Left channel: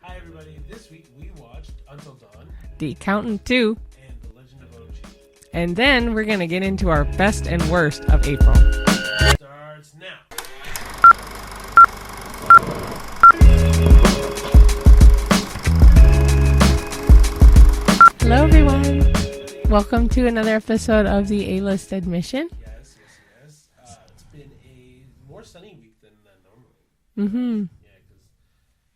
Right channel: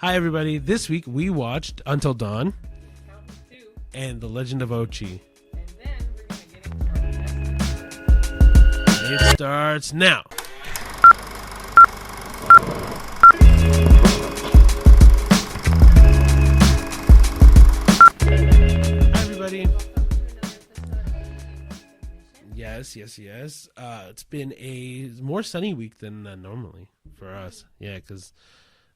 Hi, everybody. This week we watched Until Dawn, The Accountant 2, and The Legend of Ochi. and then we're going to get into our best and worst of April. It starts now. Hello, everyone. Hi, everybody. Welcome to another episode of the A-List Admission. Yes. It's been a more sunny week than normally for us. Yeah, because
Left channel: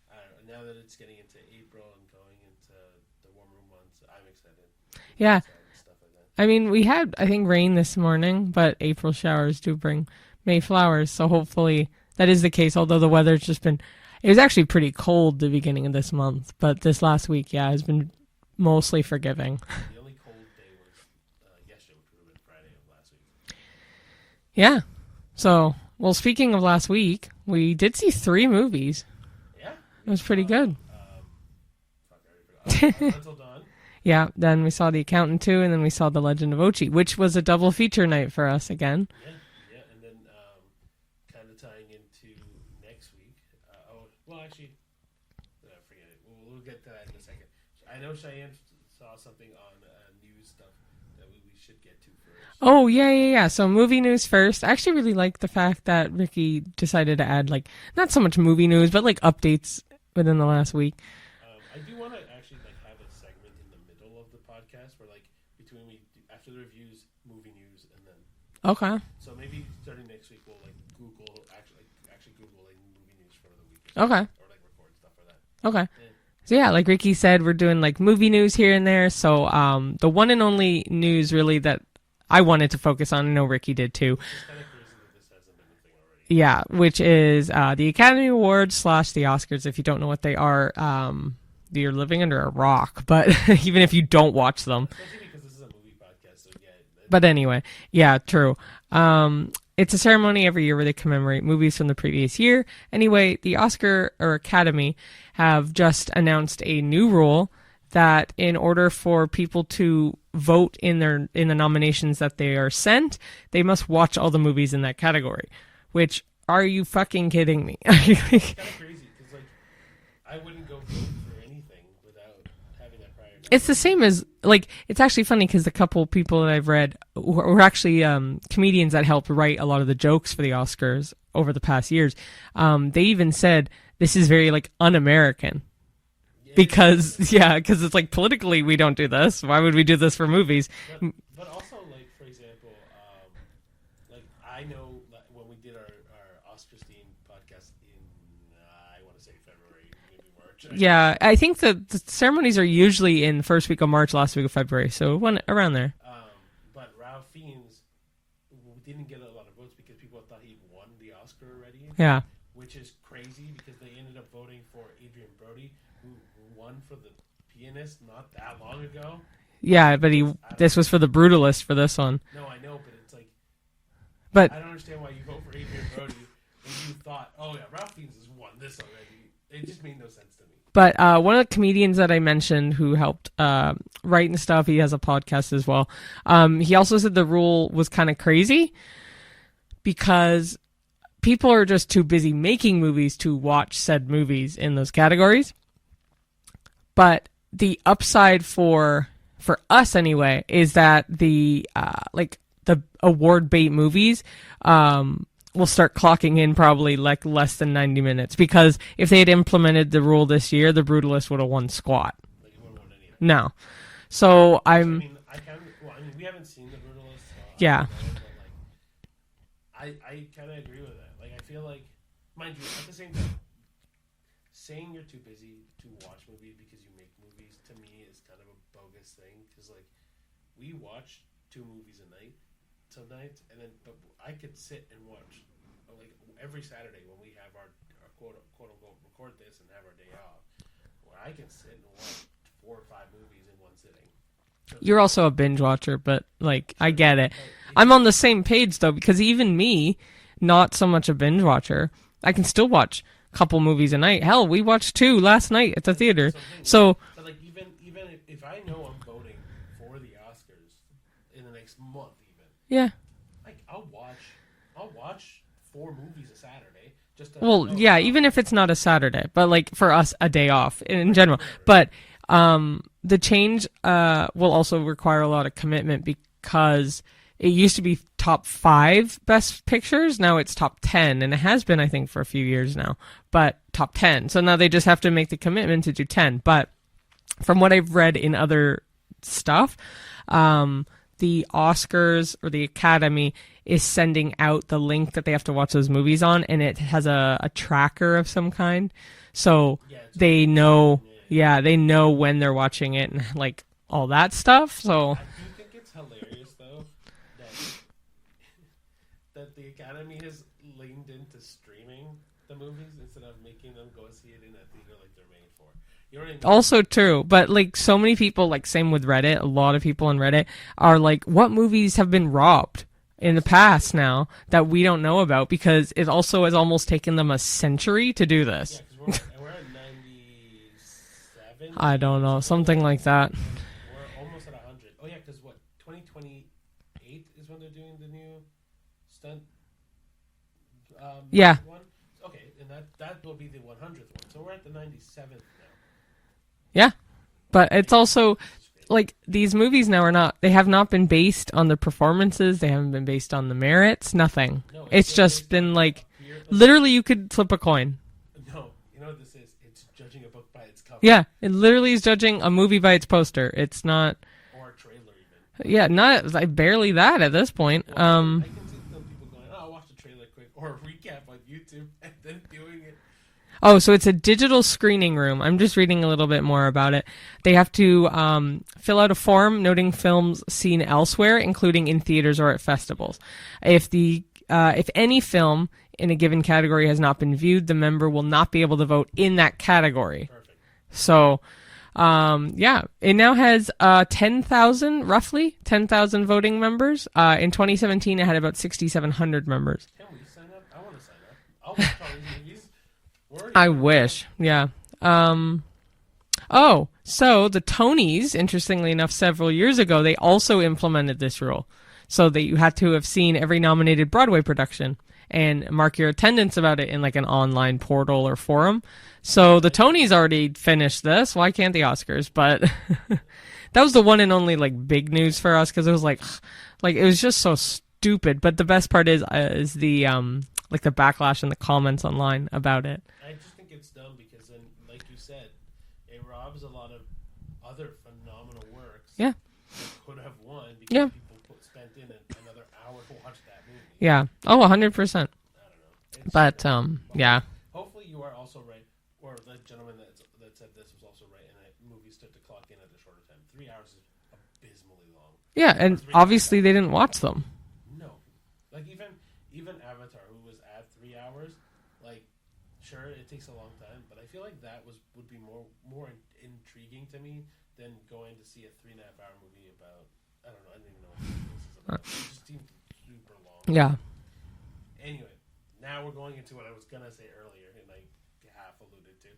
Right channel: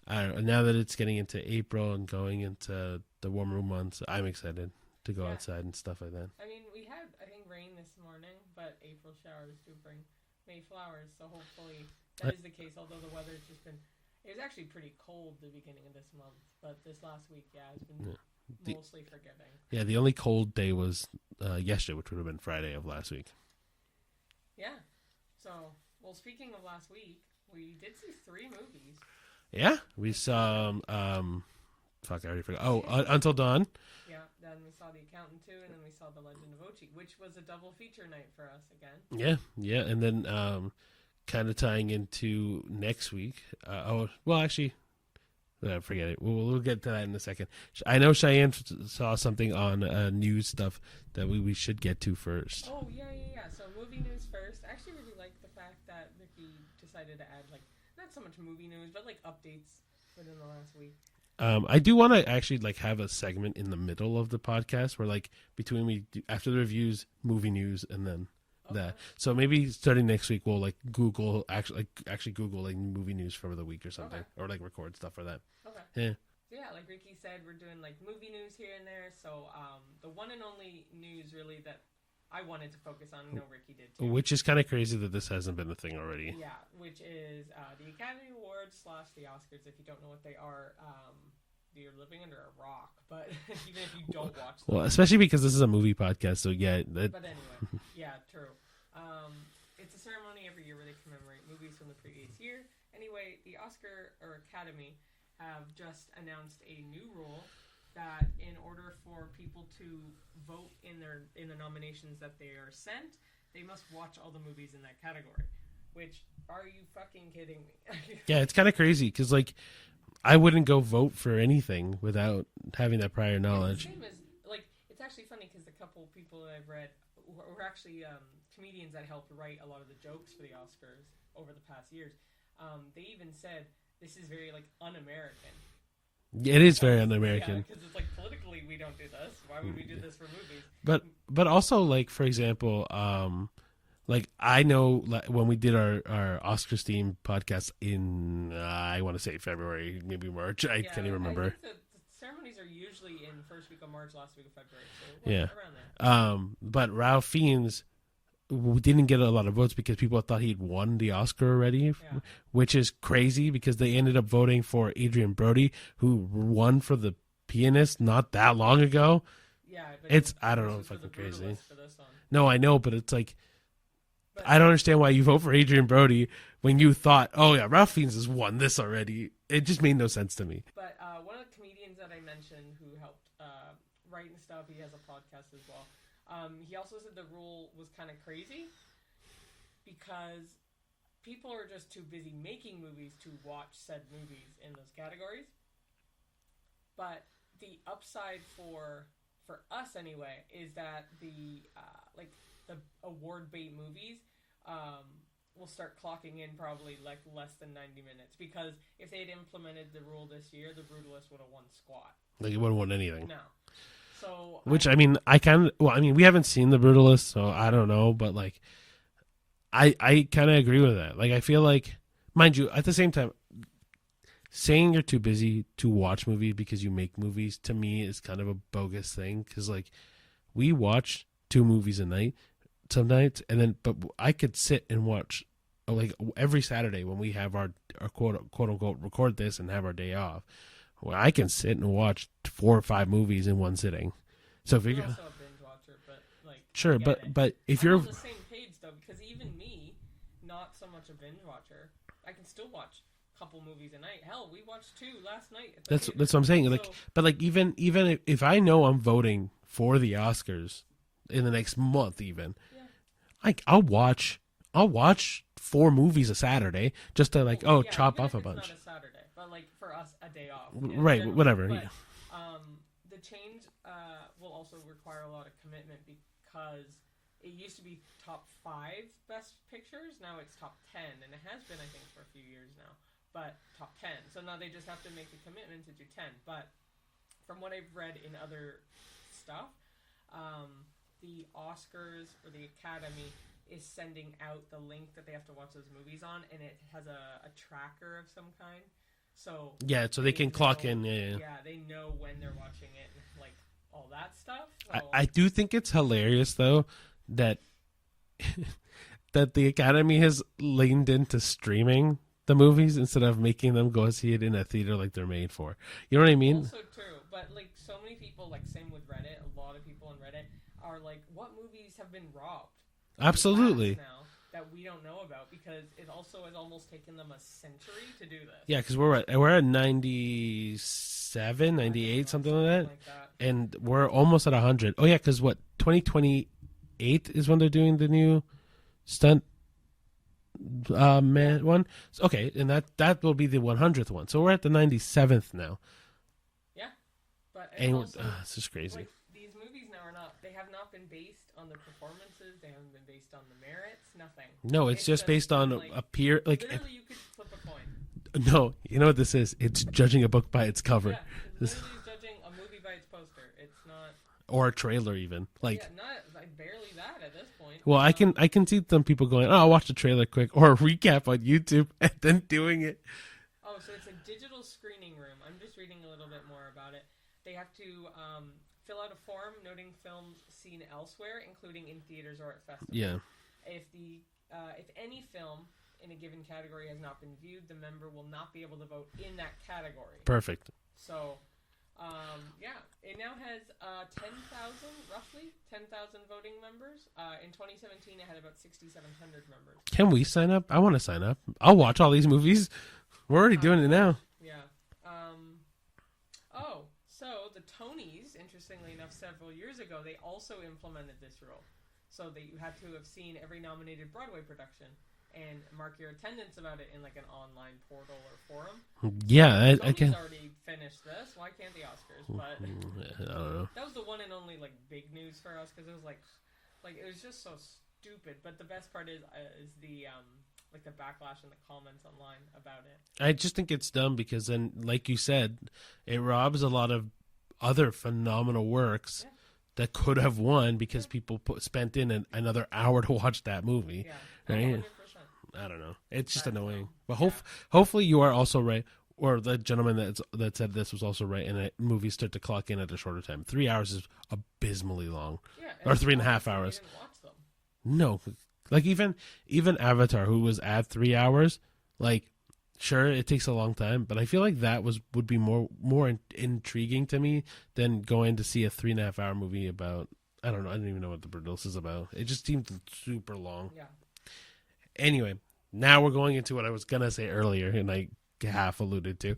now that it's getting into April and going into the warmer months, I'm excited to go outside and stuff like that. I mean, we had, I think, rain this morning, but April showers do bring May flowers, so hopefully that is the case, although the weather's just been, it was actually pretty cold the beginning of this month, but this last week, has been mostly forgiving. Yeah, the only cold day was yesterday, which would have been Friday of last week. Yeah. So, well, speaking of last week, we did see 3 movies. Yeah, it was pretty good. I already forgot. Oh, Until Dawn. Yeah, then we saw The Accountant 2, and then we saw The Legend of Ochi, which was a double feature night for us again. Yeah, and then kind of tying into next week. Forget it. We'll get to that in a second. I know Cheyenne saw something on news stuff that we should get to first. Oh, yeah. So movie news first. I actually really like the fact that Ricky decided to add, like, not so much movie news, but, like, updates within the last week. I do want to actually, like, have a segment in the middle of the podcast where, like, after the reviews, movie news, and then... Okay. That. So maybe starting next week, we'll, like, Google, actually Google, like, movie news for the week or something. Okay. Or, like, record stuff for that. Okay. Yeah. So, yeah, like Ricky said, we're doing, like, movie news here and there. So, the one and only news, really, that I wanted to focus on, I know Ricky did, too. Which is kind of crazy that this hasn't been a thing already. Yeah, which is the Academy Awards / the Oscars. If you don't know what they are, you're living under a rock, but even if you don't watch them. Well, especially because this is a movie podcast, so yeah. But anyway, yeah, true. It's a ceremony every year where they commemorate movies from the previous year. Anyway, the Oscar or Academy have just announced a new rule that in order for people to vote in the nominations that they are sent, they must watch all the movies in that category. Which, are you fucking kidding me? Yeah, it's kind of crazy because, like, I wouldn't go vote for anything without having that prior knowledge. It's the same as, like, it's actually funny because the couple people that I've read were actually comedians that helped write a lot of the jokes for the Oscars over the past years. They even said this is very, like, un-American. Because it's like politically we don't do this. Why would we do this for movies? But also, like, for example, like, I know, like, when we did our Oscars themed podcast in, I want to say February, maybe March. I think the ceremonies are usually in first week of March, last week of February. So around there. But Ralph Fiennes didn't get a lot of votes because people thought he'd won the Oscar already. Yeah. Which is crazy because they ended up voting for Adrian Brody, who won for The Pianist not that long ago. Yeah, but this was for The Brutalist for this one. No, I know, but it's like... But I don't understand why you vote for Adrian Brody when you thought, oh yeah, Ralph Fiennes has won this already. It just made no sense to me. But one of the comedians that I mentioned who helped write and stuff, he has a podcast as well. He also said the rule was kind of crazy because people are just too busy making movies to watch said movies in those categories. But the upside for us anyway is that the award bait movies will start clocking in probably like less than 90 minutes because if they had implemented the rule this year, The Brutalist would have won squat. Like, it wouldn't won anything. No. So we haven't seen The Brutalist, so I don't know, but, like, I kind of agree with that. Like, I feel like, mind you, at the same time, saying you're too busy to watch movies because you make movies, to me, is kind of a bogus thing because, like, we watch 2 movies a night some nights, but I could sit and watch, like, every Saturday when we have our quote unquote record this and have our day off. Well, I can sit and watch 4 or 5 movies in one sitting. So you're also a binge watcher, but, like, sure, I get it. But I'm on the same page though because even me, not so much a binge watcher, I can still watch a couple movies a night. Hell, we watched 2 last night at the theater. That's what I'm saying. So, like, but, like, even if I know I'm voting for the Oscars in the next month, even, yeah, like, I'll watch 4 movies a Saturday just to even if it's not a Saturday, but like for us a day off in right, general. Whatever. But the change will also require a lot of commitment because it used to be top 5 best pictures. Now it's top 10, and it has been, I think, for a few years now. But top 10. So now they just have to make the commitment to do 10. But from what I've read in other stuff, the Oscars or the Academy is sending out the link that they have to watch those movies on, and it has a tracker of some kind. So, they know, they know when they're watching it and like all that stuff. So I do think it's hilarious though that that the Academy has leaned into streaming the movies instead of making them go see it in a theater like they're made for. You know what I mean? Also true, but like so many people, like same with Reddit, a lot of people on Reddit are like, what movies have been robbed in the past now that we don't know about, because it also has almost taken them a century to do this. Yeah, because we're at 97. I don't know, something like that. And we're almost at 100. Oh yeah, because 2028 is when they're doing the new stunt one. Okay, and that will be the 100th one. So we're at the 97th now. Yeah. But it's also crazy. like these movies now they have not been based on the performances. They haven't been based on the merits. Nothing. No, it's just been literally you could flip a coin. No, you know what this is? It's judging a book by its cover. Yeah, it literally is judging a movie by its poster. It's not. Or a trailer even. Barely that at this point. Well, I can see some people going, I'll watch the trailer quick or a recap on YouTube and then doing it. Oh, so it's a digital screening room. I'm just reading a little bit more about it. They have to fill out a form noting films seen elsewhere, including in theaters or at festivals. Yeah. If any film in a given category has not been viewed, the member will not be able to vote in that category. Perfect. So, it now has 10,000 voting members. In 2017, it had about 6,700 members. Can we sign up? I want to sign up. I'll watch all these movies. We're already doing it wish. Now. Yeah. So the Tonys, interestingly enough, several years ago, they also implemented this rule, so that you had to have seen every nominated Broadway production and mark your attendance about it in like an online portal or forum. So the Tonys already finished this. Why can't the Oscars? But that was the one and only like big news for us, because it was like it was just so stupid. But the best part is the like the backlash and the comments online about it. I just think it's dumb because then, like you said, it robs a lot of other phenomenal works that could have won because people spent in another hour to watch that movie. Yeah. Oh, 100%. I don't know. But hopefully you are also right, or the gentleman that said this was also right, and movies start to clock in at a shorter time. 3 hours is abysmally long. Yeah, and obviously they didn't watch them. No. Like even Avatar, who was at 3 hours, like sure it takes a long time, but I feel like that would be more intriguing to me than going to see a 3.5 hour movie about, I don't know, I don't even know what the Brutalist is about. It just seemed super long. Yeah. Anyway, now we're going into what I was gonna say earlier, and I half alluded to.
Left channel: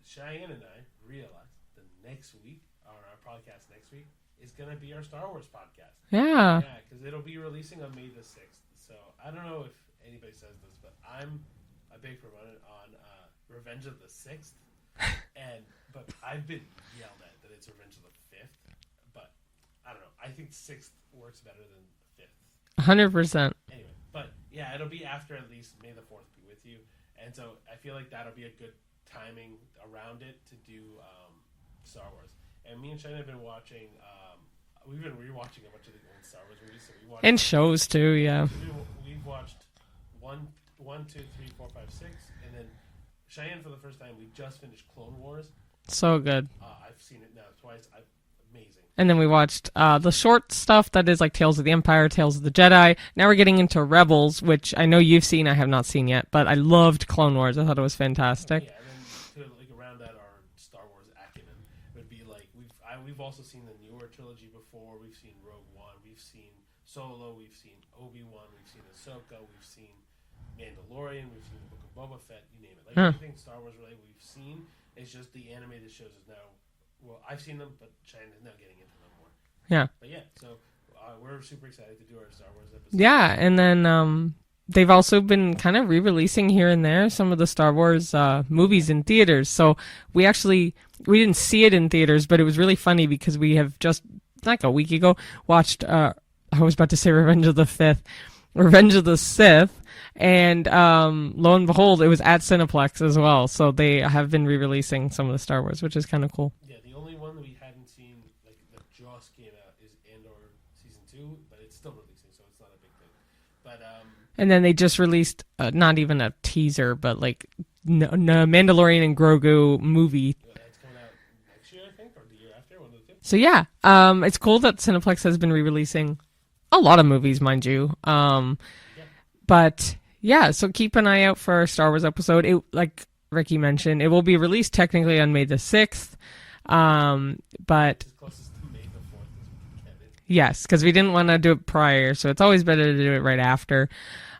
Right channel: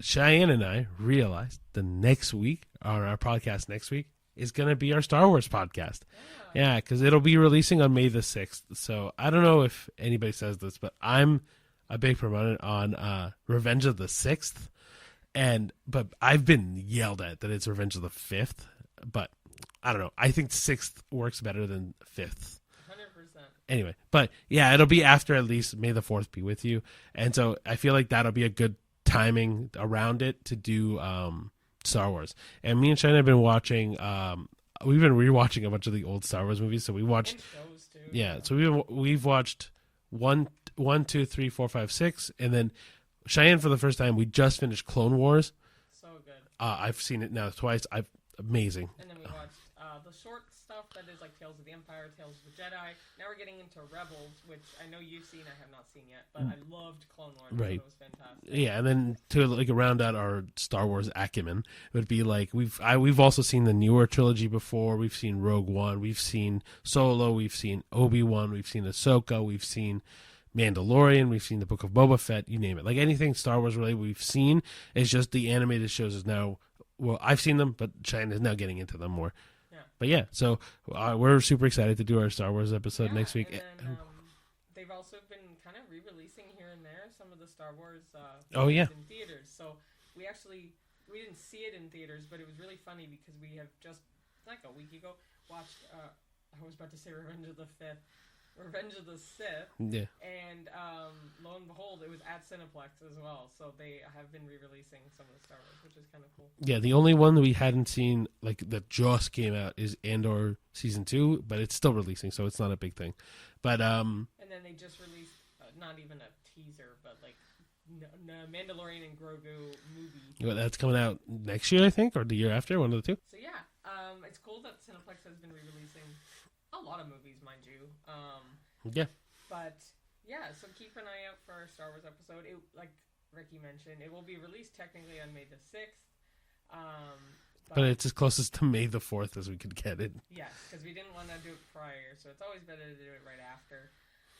Cheyenne and I realized the next week on our podcast next week is going to be our Star Wars podcast. Yeah. Yeah, because it'll be releasing on May the 6th. So I don't know if anybody says this, but I'm a big proponent on Revenge of the 6th. But I've been yelled at that it's Revenge of the 5th. But I don't know. I think 6th works better than 5th. 100%. Anyway, but yeah, it'll be after at least May the 4th be with you. And so I feel like that'll be a good timing around it to do Star Wars. And me and Shane have been watching we've been rewatching a bunch of the old Star Wars movies. So we watched, and shows too. Yeah. So we've watched 1, 2, 3, 4, 5, 6, and then Cheyenne for the first time we just finished Clone Wars. So good. I've seen it now twice. Amazing. And then we watched the short stuff that is like Tales of the Empire, Tales of the Jedi. Now we're getting into Rebels, which I know you've seen. I have not seen yet, but I loved Clone Wars. I thought it was fantastic. Yeah, and then to like round out our Star Wars acumen, it would be like we've also seen the newer trilogy before. We've seen Rogue One, we've seen Solo, we've seen Obi-Wan, we've seen Ahsoka, we've seen Mandalorian, we've seen the Book of Boba Fett, you name it. Like anything Star Wars related we've seen. It's just the animated shows is now. Well, I've seen them, but Cheyenne is now getting into them more. Yeah. But yeah, so we're super excited to do our Star Wars episode. Yeah, and then they've also been kind of re-releasing here and there some of the Star Wars movies in theaters. So we didn't see it in theaters, but it was really funny because we have just, like a week ago, watched, I was about to say Revenge of the Sith, and lo and behold, it was at Cineplex as well. So they have been re-releasing some of the Star Wars, which is kind of cool. Yeah, the only one that we hadn't seen, like that just came out, is Andor Season 2, but it's still releasing, so it's not a big thing. But and then they just released not even a teaser, but like Mandalorian and Grogu movie. That's coming out next year, I think, or the year after, one of the two. So yeah, it's cool that Cineplex has been re-releasing a lot of movies, mind you. But yeah, so keep an eye out for our Star Wars episode. It, like Ricky mentioned, it will be released technically on May the 6th. But it's as closest to May the 4th as we could get it. Yes, because we didn't want to do it prior, so it's always better to do it right after.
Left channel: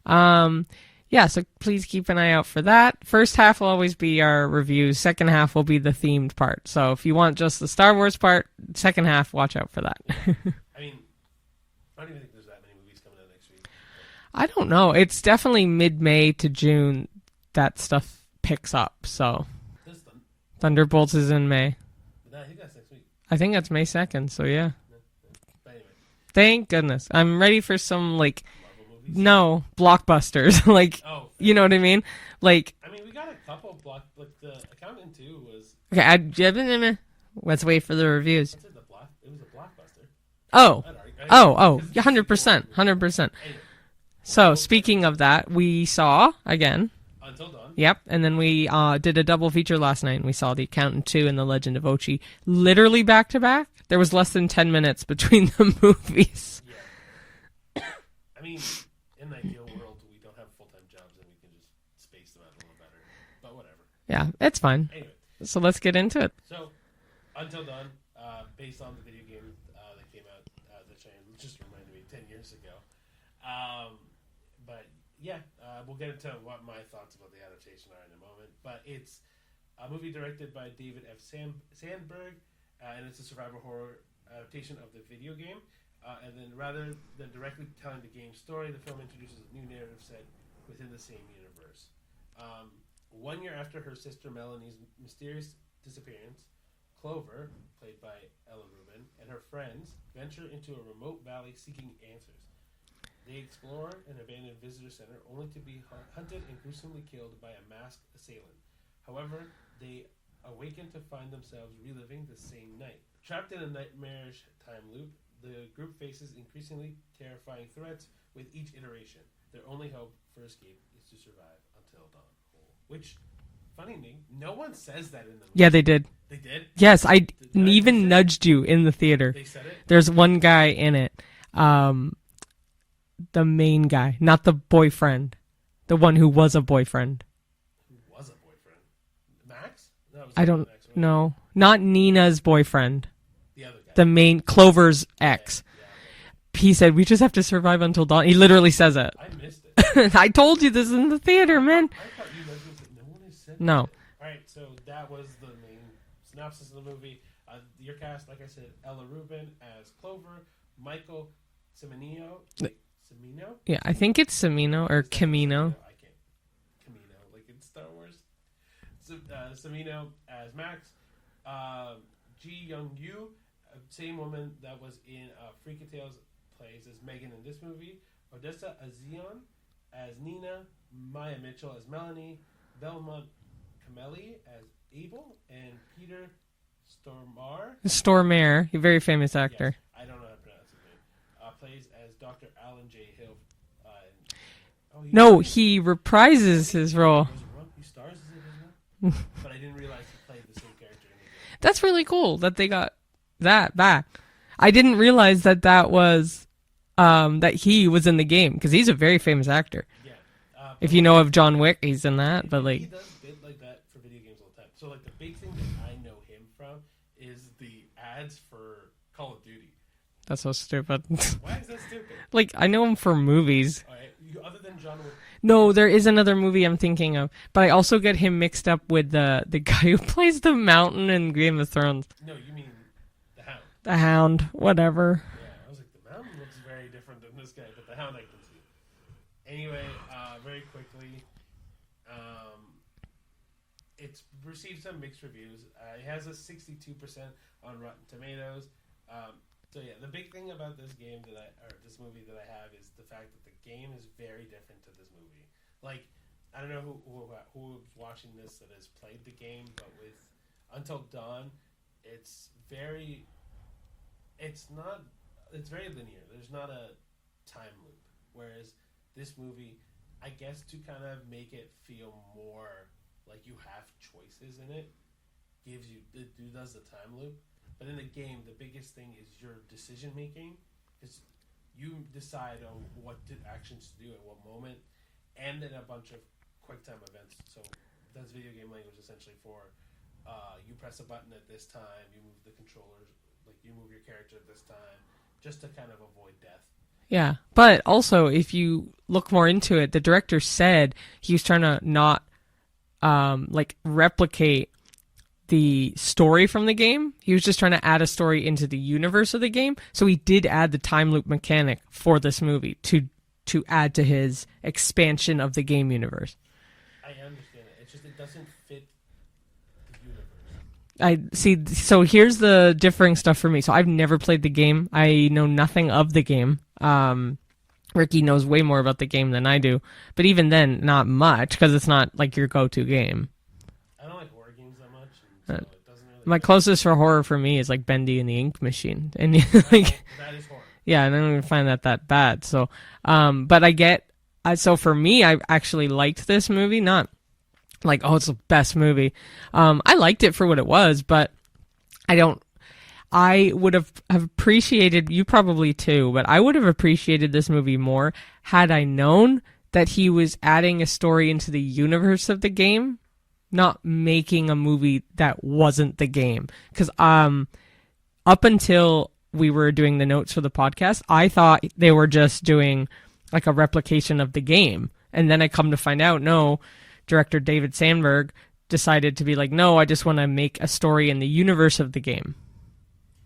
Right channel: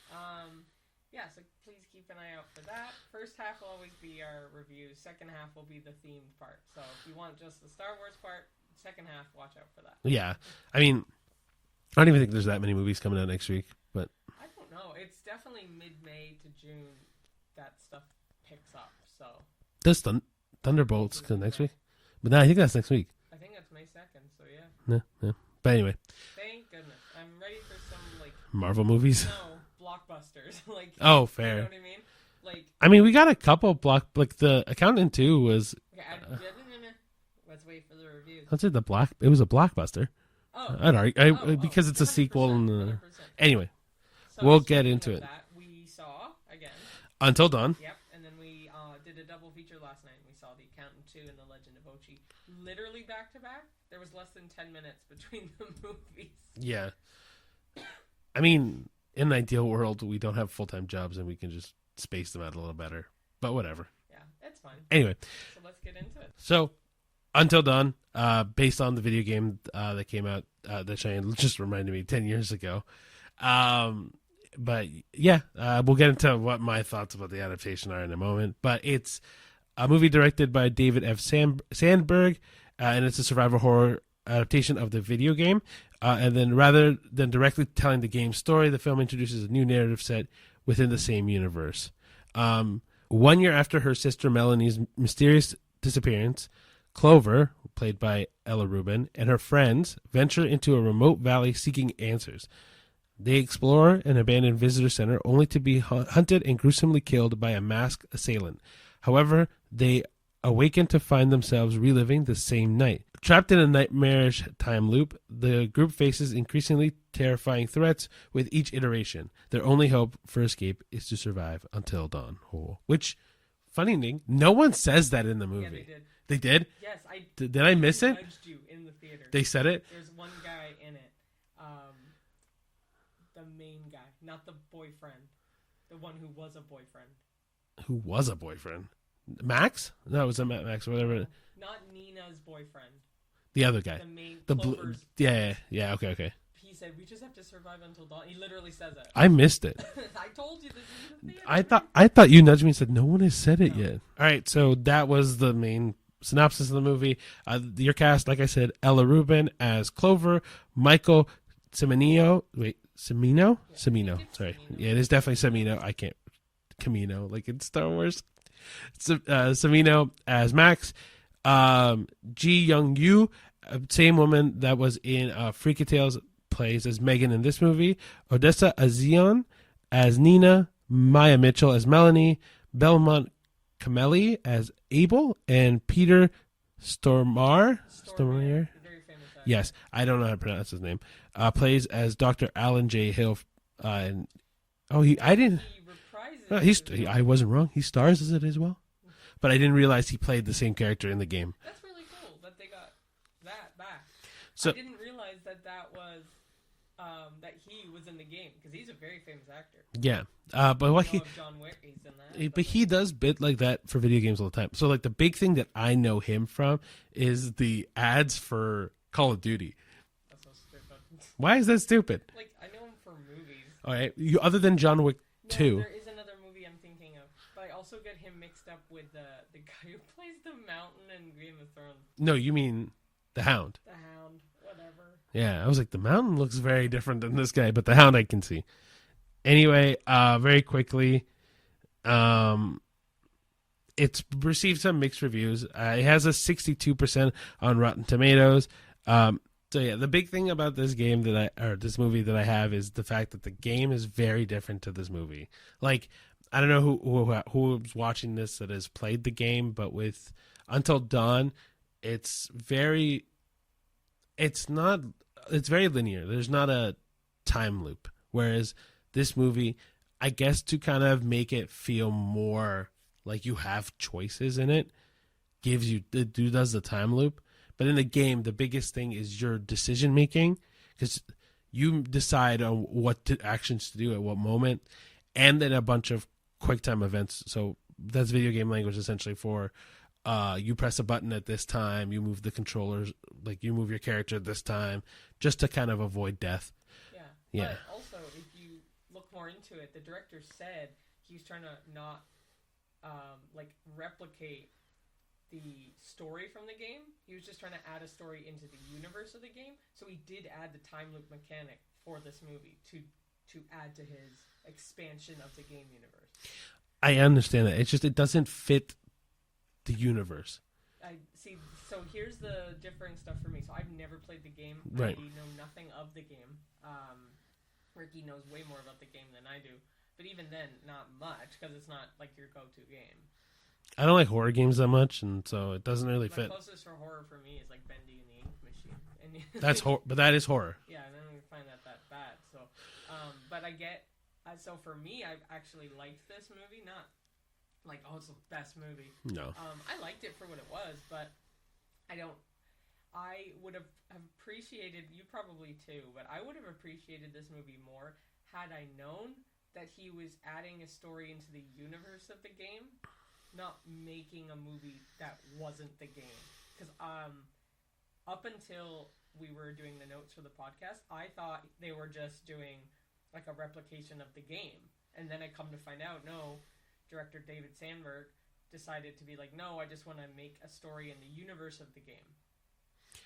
Yeah, so please keep an eye out for that. First half will always be our reviews. Second half will be the themed part. So if you want just the Star Wars part, second half, watch out for that. Yeah. I mean, I don't even think there's that many movies coming out next week. But I don't know. It's definitely mid-May to June that stuff picks up. So Thunderbolts is in May. Week? But no, I think that's next week. I think that's May 2nd, so yeah. Yeah. But anyway. Thank goodness. I'm ready for some, like... Marvel movies? No, blockbusters. Like, oh, fair. You know what I mean? Like... I mean, we got a couple like the Accountant 2 was... Okay, let's wait for the reviews. It was a blockbuster. Oh. Because it's 100%. 100%. Anyway. So, speaking of that, we saw, again... Until Dawn. Yep, and then we did a double feature last night, and we saw The Accountant 2 and The Legend of Ochi literally back-to-back. There was less than 10 minutes between the movies. Yeah. I mean, in an ideal world, we don't have full-time jobs, and we can just space them out a little better. But whatever. Yeah, it's fine. Anyway. So let's get into it. So, Until Dawn, based on the video game that came out, that Cheyenne just reminded me 10 years ago. But yeah, we'll get into what my thoughts about the adaptation are in a moment. But it's a movie directed by David F. Sandberg, and it's a survival horror adaptation of the video game. And then rather than directly telling the game's story, the film introduces a new narrative set within the same universe. 1 year after her sister Melanie's mysterious disappearance, Clover, played by Ella Rubin, and her friends venture into a remote valley seeking answers. They explore an abandoned visitor center only to be hunted and gruesomely killed by a masked assailant. However, they awaken to find themselves reliving the same night. Trapped in a nightmarish time loop, the group faces increasingly terrifying threats with each iteration. Their only hope for escape is to survive until dawn. Which, funny thing, no one says that in the movie. Yeah, they did. They did? Yes, I did I even miss it? Nudged you in the theater. They said it? There's one guy in it. The main guy, not the boyfriend. The one who was a boyfriend. Who was a boyfriend? Max? No, it was I don't Max. know. Not Nina's boyfriend. The other guy. The main Clover's ex. Yeah, okay. He said, we just have to survive until dawn. He literally says it. I missed it. I told you this in the theater, man. I thought you nudged me and said, no one has said it No. yet. All right, so that was the main synopsis of the movie. Your cast, like I said, Ella Rubin as Clover, Michael Cimino. Wait, Cimino? Yeah, Cimino, I think it's sorry. Cimino Yeah, or it's definitely Camino. Cimino. I can't. Camino, like in Star Wars. Cimino as Max. Ji Young Yu, same woman that was in Freaky Tales, plays as Megan in this movie. Odessa Azion as Nina. Maya Mitchell as Melanie. Belmont Kameli as Abel. And Peter Stormare, a very famous actor. Yes, I don't know how to pronounce his name. Plays as Dr. Alan J. Hill. He reprises his role. I wasn't wrong. He stars as it as well. But I didn't realize he played the same character in the game. That's really cool that they got that back. So, I didn't realize that was that he was in the game because he's a very famous actor. Yeah. But if you know of John Wick, he's in that. But he does bit like that for video games all the time. So like the big thing that I know him from is the ads for Call of Duty. That's so stupid. Why is that stupid? Like, I know him for movies. All right. Other than John Wick 2. No, there is another movie I'm thinking of. But I also get him mixed up with the guy who plays the Mountain in Game of Thrones. No, you mean the Hound. The Hound, whatever. Yeah, I was like, the Mountain looks very different than this guy, but the Hound I can see. Anyway, very quickly, it's received some mixed reviews. It has a 62% on Rotten Tomatoes. So yeah, the big thing about this this movie that I have is the fact that the game is very different to this movie. Like, I don't know who's watching this that has played the game, but with Until Dawn, it's very linear. There's not a time loop. Whereas this movie, I guess to kind of make it feel more like you have choices in it, does the time loop. But in the game, the biggest thing is your decision making, because you decide on what actions to do at what moment, and then a bunch of quick time events. So that's video game language essentially for you press a button at this time, you move the controllers, like you move your character at this time, just to kind of avoid death. Yeah. But also, if you look more into it, the director said he was trying to not replicate the story from the game. He was just trying to add a story into the universe of the game. So he did add the time loop mechanic for this movie to add to his expansion of the game universe. I understand that. It's just it doesn't fit the universe. I see. So here's the differing stuff for me. So I've never played the game. Yeah. I know nothing of the game. Ricky knows way more about the game than I do. But even then, not much, because it's not like your go-to game. I don't like horror games that much, and so it doesn't really. My fit. Closest for horror for me is like Bendy and the Ink Machine, and but that is horror. Yeah, and I don't even find that bad. So, but I get. So for me, I actually liked this movie. Not like, oh, it's the best movie. No. I liked it for what it was, but I would have appreciated, you probably too, but I would have appreciated this movie more had I known that he was adding a story into the universe of the game, not making a movie that wasn't the game. Because up until we were doing the notes for the podcast, I thought they were just doing like a replication of the game. And then I come to find out, no, director David Sandberg decided to be like, no, I just want to make a story in the universe of the game.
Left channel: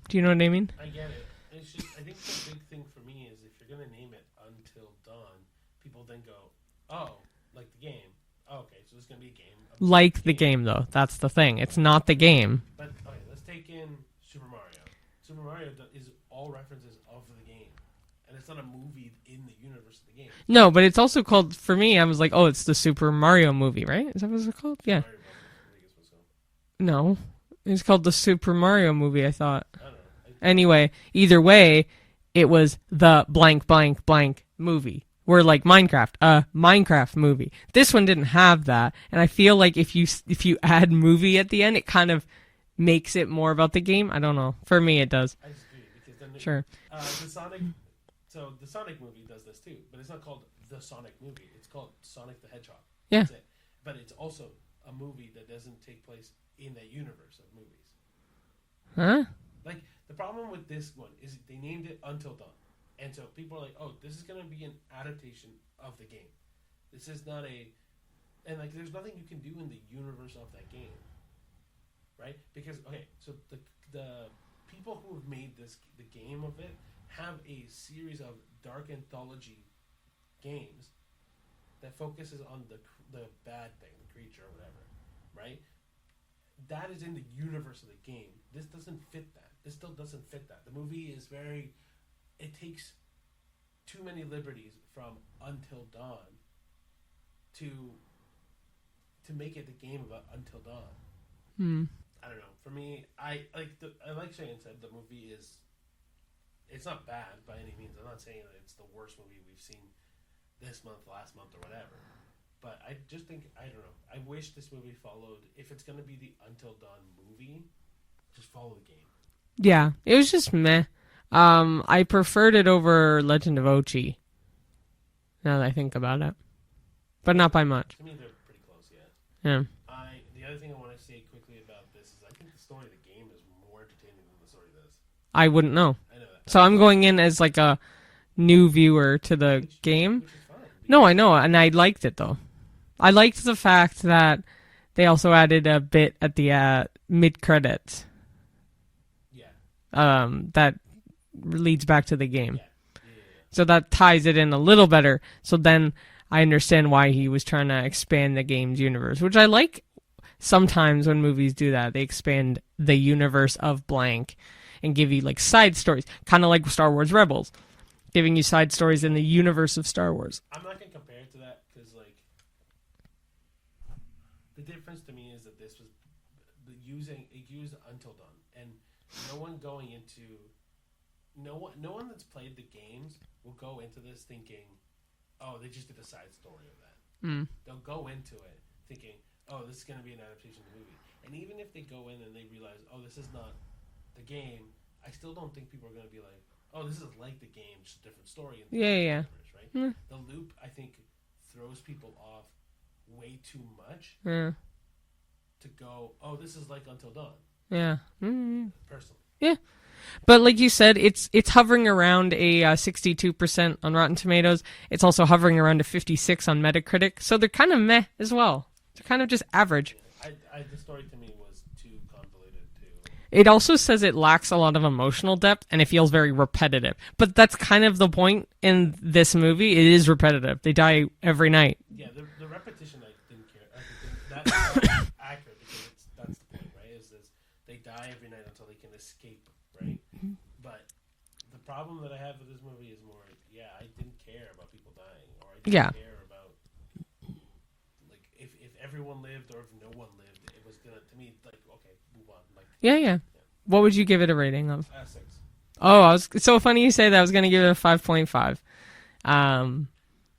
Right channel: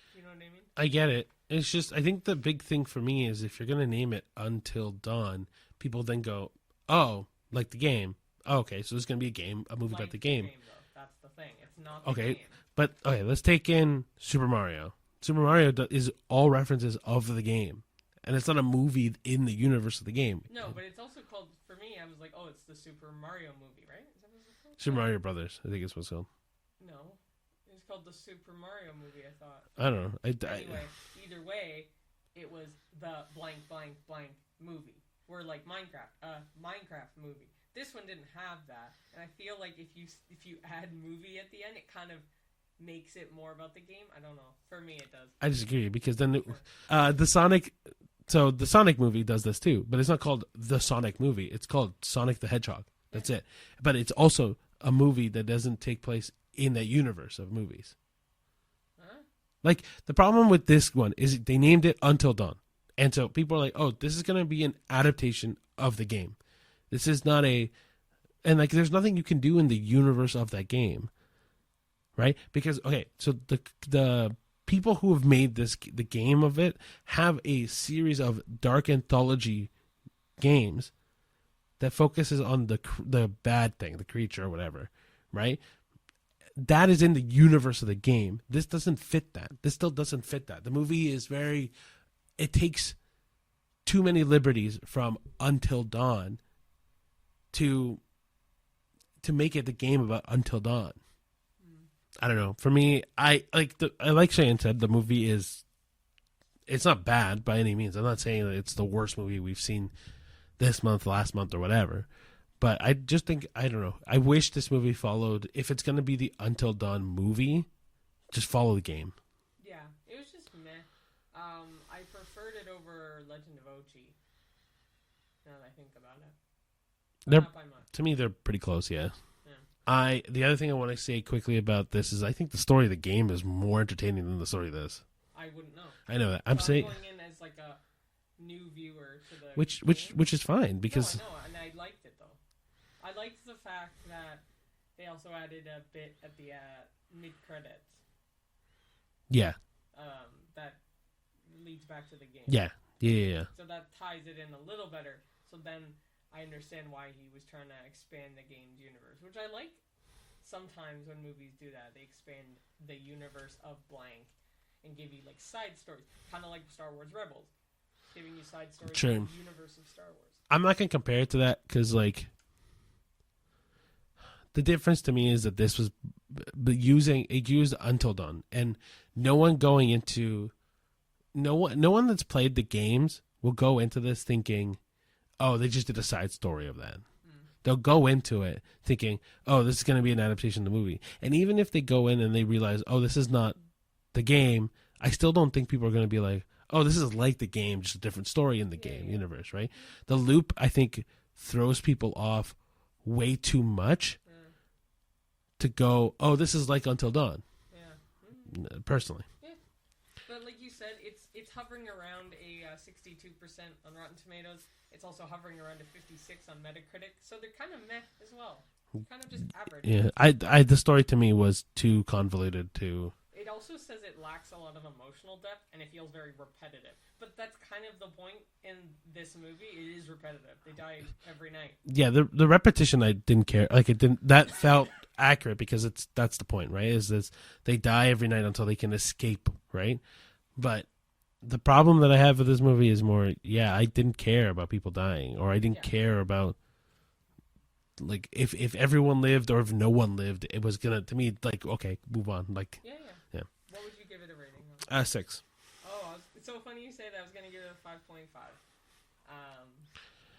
Do you know what I mean? I get it. It's just, I think the big thing for me is if you're going to name it Until Dawn, people then go, oh, like the game. Oh, okay, so there's going to be a game. Like the game, though. That's the thing. It's not the game. But, okay, let's take in Super Mario. Super Mario is all references of the game. And it's not a movie in the universe of the game. No, but it's also called, for me, I was like, oh, it's the Super Mario movie, right? Is that what it's called? Super Mario Brothers, I think it's what's called. No. It's called the Super Mario movie, I thought. I don't know. Anyway, either way, it was the blank, blank, blank movie. We're like Minecraft, a Minecraft movie. This one didn't have that, and I feel like if you add movie at the end, it kind of makes it more about the game. I don't know. For me, it does. I disagree because then sure. The Sonic movie does this too, but it's not called the Sonic movie. It's called Sonic the Hedgehog. Yeah. That's it. But it's also a movie that doesn't take place in that universe of movies. Huh? Like, the problem with this one is they named it Until Dawn. And so people are like, oh, this is going to be an adaptation of the game. This is not and like, there's nothing you can do in the universe of that game. Right? Because, okay, so the people who have made the game of it have a series of dark anthology games that focuses on the bad thing, the creature or whatever. Right? That is in the universe of the game. This doesn't fit that. This still doesn't fit that. The movie is it takes too many liberties from Until Dawn to make it the game about Until Dawn. I don't know. For me, I like Cheyenne said, the movie it's not bad by any means. I'm not saying that it's the worst movie we've seen this month, last month, or whatever. But I just think, I don't know. I wish this movie followed, if it's going to be the Until Dawn movie, just follow the game. Yeah, it was just meh. I preferred it over Legend of Ochi, now that I think about it. But not by much. To me, they're pretty close, yeah. Yeah. The other thing I want to say quickly about this is I think the story of the game is more entertaining than the story of this. I wouldn't know. I know that. I'm going in as like a new viewer to the game. Which is fine. No, I know, and I liked it, though. I liked the fact that they also added a bit at the mid-credits. Yeah. That leads back to the game. Yeah. Yeah. So that ties it in a little better. So then I understand why he was trying to expand the game's universe, which I like. Sometimes when movies do that, they expand the universe of blank and give you like side stories, kind of like Star Wars Rebels, giving you side stories in the universe of Star Wars. I'm not going to compare it to that because, like, the difference to me is that this was used Until Dawn, and no one that's played the games will go into this thinking, oh, they just did a side story of that. They'll go into it thinking, oh, this is going to be an adaptation of the movie. And even if they go in and they realize, oh, this is not the game, I still don't think people are going to be like, oh, this is like the game, just a different story in the game universe, right? The loop, I think, throws people off way too much to go, oh, this is like Until Dawn. Yeah. Personally. Yeah. But like you said, it's hovering around a 62% on Rotten Tomatoes. It's also hovering around a 56 on Metacritic. So they're kind of meh as well. They're kind of just average. Yeah, the story to me was too convoluted to... It also says it lacks a lot of emotional depth, and it feels very repetitive. But that's kind of the point in this movie. It is repetitive. They die every night. Yeah, the repetition I didn't care. Like, it didn't... That felt accurate because that's the point, right? Is this they die every night until they can escape, right? But the problem that I have with this movie is more, I didn't care about people dying, or I didn't care about... Like, if everyone lived or if no one lived, it was gonna, to me, like, okay, move on. Like, yeah. What would you give it a rating of? 6. Oh, it's so funny you say that. I was gonna give it a 5.5,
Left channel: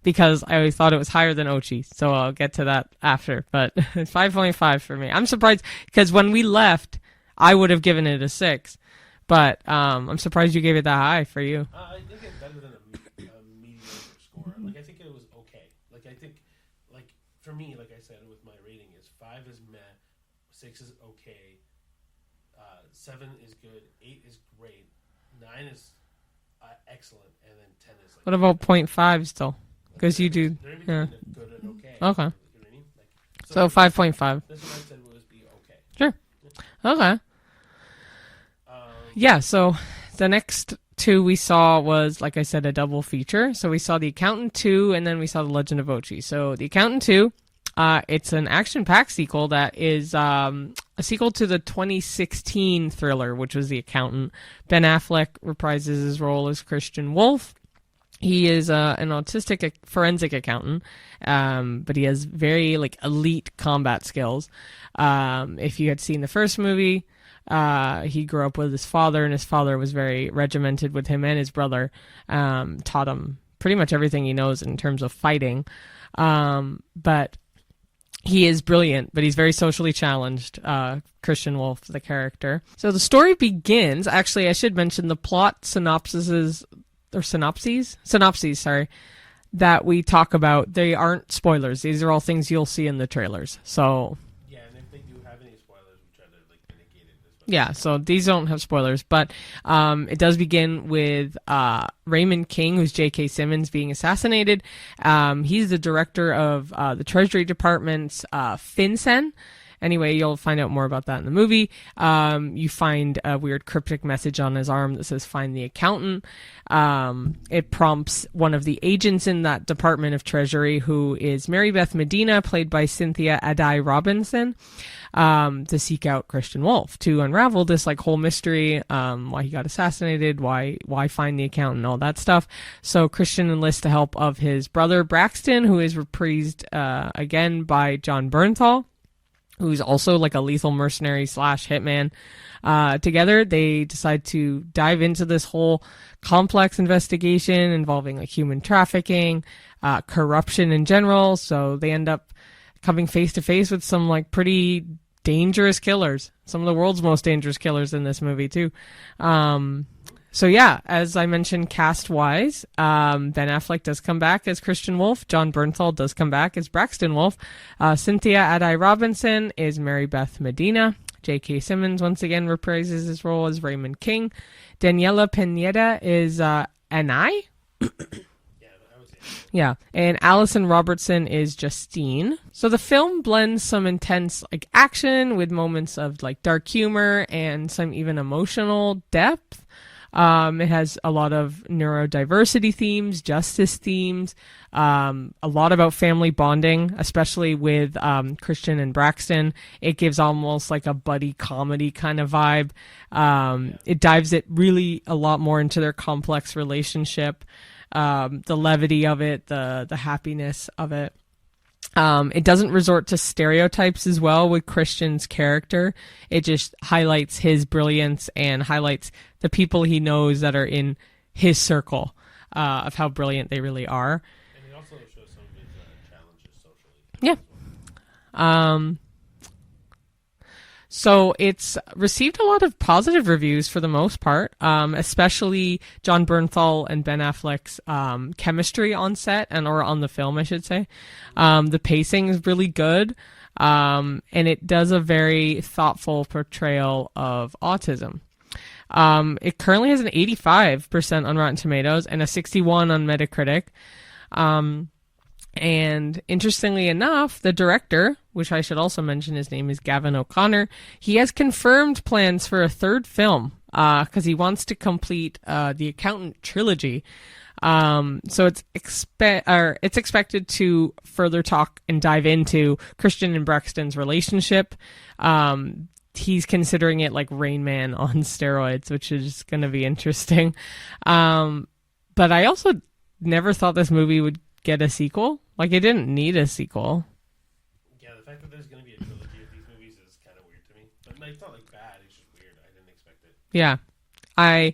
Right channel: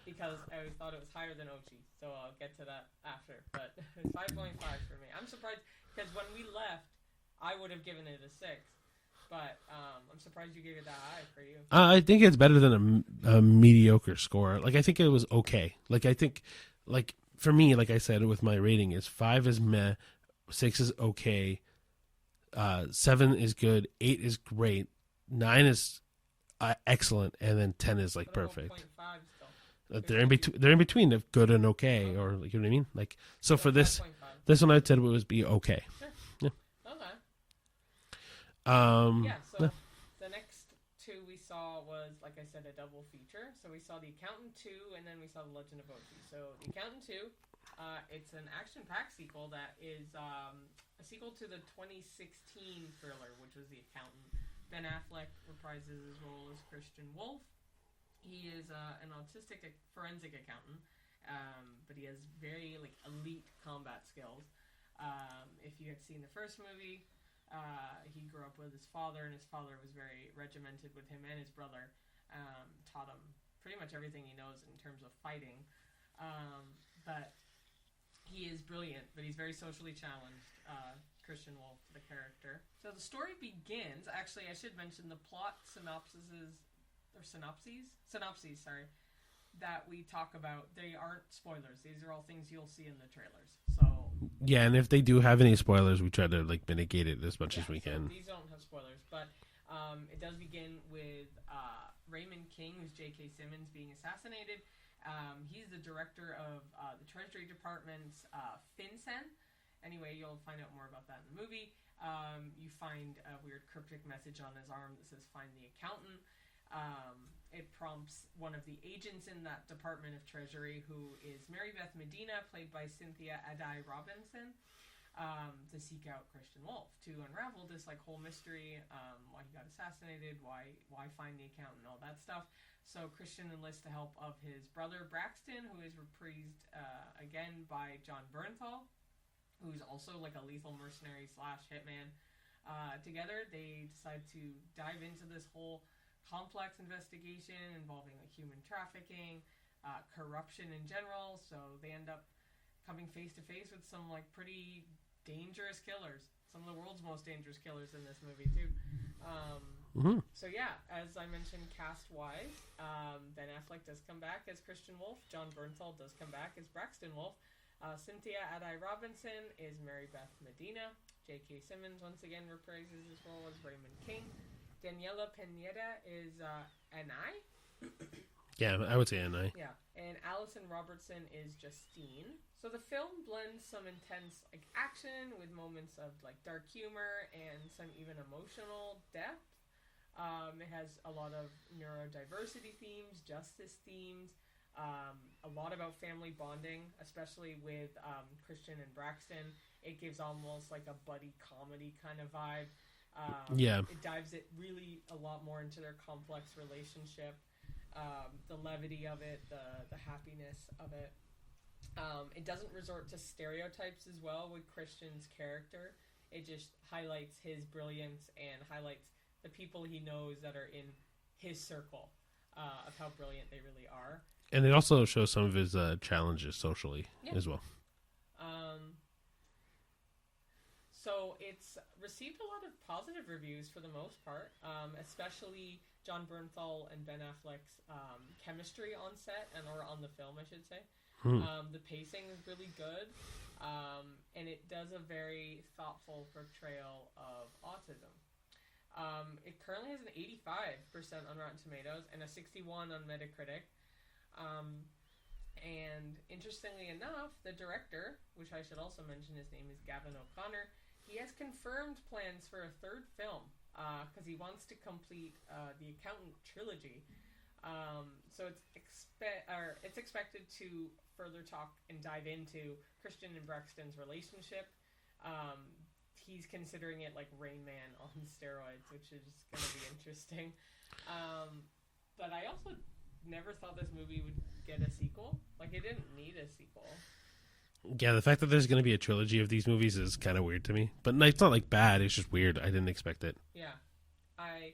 because I always thought it was higher than Ochi. So I'll get to that after. But 5.5 for me. I'm surprised because when we left, I would have given it a 6. But I'm surprised you gave it that high for you. I think it's better than a mediocre score. Like, I think it was okay. Like, I think, like, for me, like I said, with my rating, is 5 is meh, 6 is okay, 7 is good, 8 is great, 9 is excellent, and then 10 is like. What about 0.5 still? Because they're in between of good and okay. Okay. Or, like, you know what I mean? Like, so 5.5. This one I said was be okay. Sure. Yeah. Okay. So the next 2 we saw was, like I said, a double feature. So we saw The Accountant 2, and then we saw The Legend of Ochi. So The Accountant 2, it's an action-packed sequel that is a sequel to the 2016 thriller, which was The Accountant. Ben Affleck reprises his role as Christian Wolf. He is an autistic forensic accountant, but he has very elite combat skills. If you had seen the first movie, he grew up with his father, and his father was very regimented with him and his brother, taught him pretty much everything he knows in terms of fighting. But he is brilliant, but he's very socially challenged, Christian Wolf, the character. So the story begins, actually, I should mention the plot synopses, that we talk about. They aren't spoilers. These are all things you'll see in the trailers. So yeah, and if they do have any spoilers, we try to mitigate it as much. Yeah, so these don't have spoilers, but it does begin with Raymond King, who's J.K. Simmons, being assassinated. He's the director of the Treasury Department's FinCEN. Anyway, you'll find out more about that in the movie. You find a weird cryptic message on his arm that says, "Find the accountant." It prompts one of the agents in that Department of Treasury, who is Mary Beth Medina, played by Cynthia Addai-Robinson, to seek out Christian Wolf, to unravel this whole mystery, why he got assassinated, why find the accountant, all that stuff. So Christian enlists the help of his brother Braxton, who is reprised again by John Bernthal, who's also a lethal mercenary / hitman. Together, they decide to dive into this whole complex investigation involving human trafficking, corruption in general. So they end up coming face to face with some pretty dangerous killers, some of the world's most dangerous killers in this movie too. So yeah, as I mentioned, cast wise, Ben Affleck does come back as Christian Wolf. John Bernthal does come back as Braxton Wolf. Cynthia Addai-Robinson is Mary Beth Medina. J.K. Simmons once again reprises his role as Raymond King. Daniela Pineda is Anai. Yeah, I would say Anai. Yeah, and Allison Robertson is Justine. So the film blends some intense action with moments of dark humor and some even emotional depth. It has a lot of neurodiversity themes, justice themes, a lot about family bonding, especially with Christian and Braxton. It gives almost like a buddy comedy kind of vibe. It dives it really a lot more into their complex relationship, the levity of it, the happiness of it. It doesn't resort to stereotypes as well with Christian's character. It just highlights his brilliance and highlights the people he knows that are in his circle of how brilliant they really are. And it also shows some of his challenges socially as well. So it's received a lot of positive reviews for the most part, especially John Bernthal and Ben Affleck's chemistry on set or on the film, I should say. The pacing is really good, and it does a very thoughtful portrayal of autism. It currently has an 85% on Rotten Tomatoes and a 61 on Metacritic. And interestingly enough, the director, which I should also mention, his name is Gavin O'Connor, he has confirmed plans for a third film because he wants to complete the Accountant trilogy. So it's expected to further talk and dive into Christian and Braxton's relationship. He's considering it like Rain Man on steroids, which is going to be interesting. But I also never thought this movie would get a sequel. Like, it didn't need a sequel. Yeah, the fact that there's going to be a trilogy of these movies is kind of weird to me. But it's not like bad, it's just weird. I didn't expect it. Yeah. I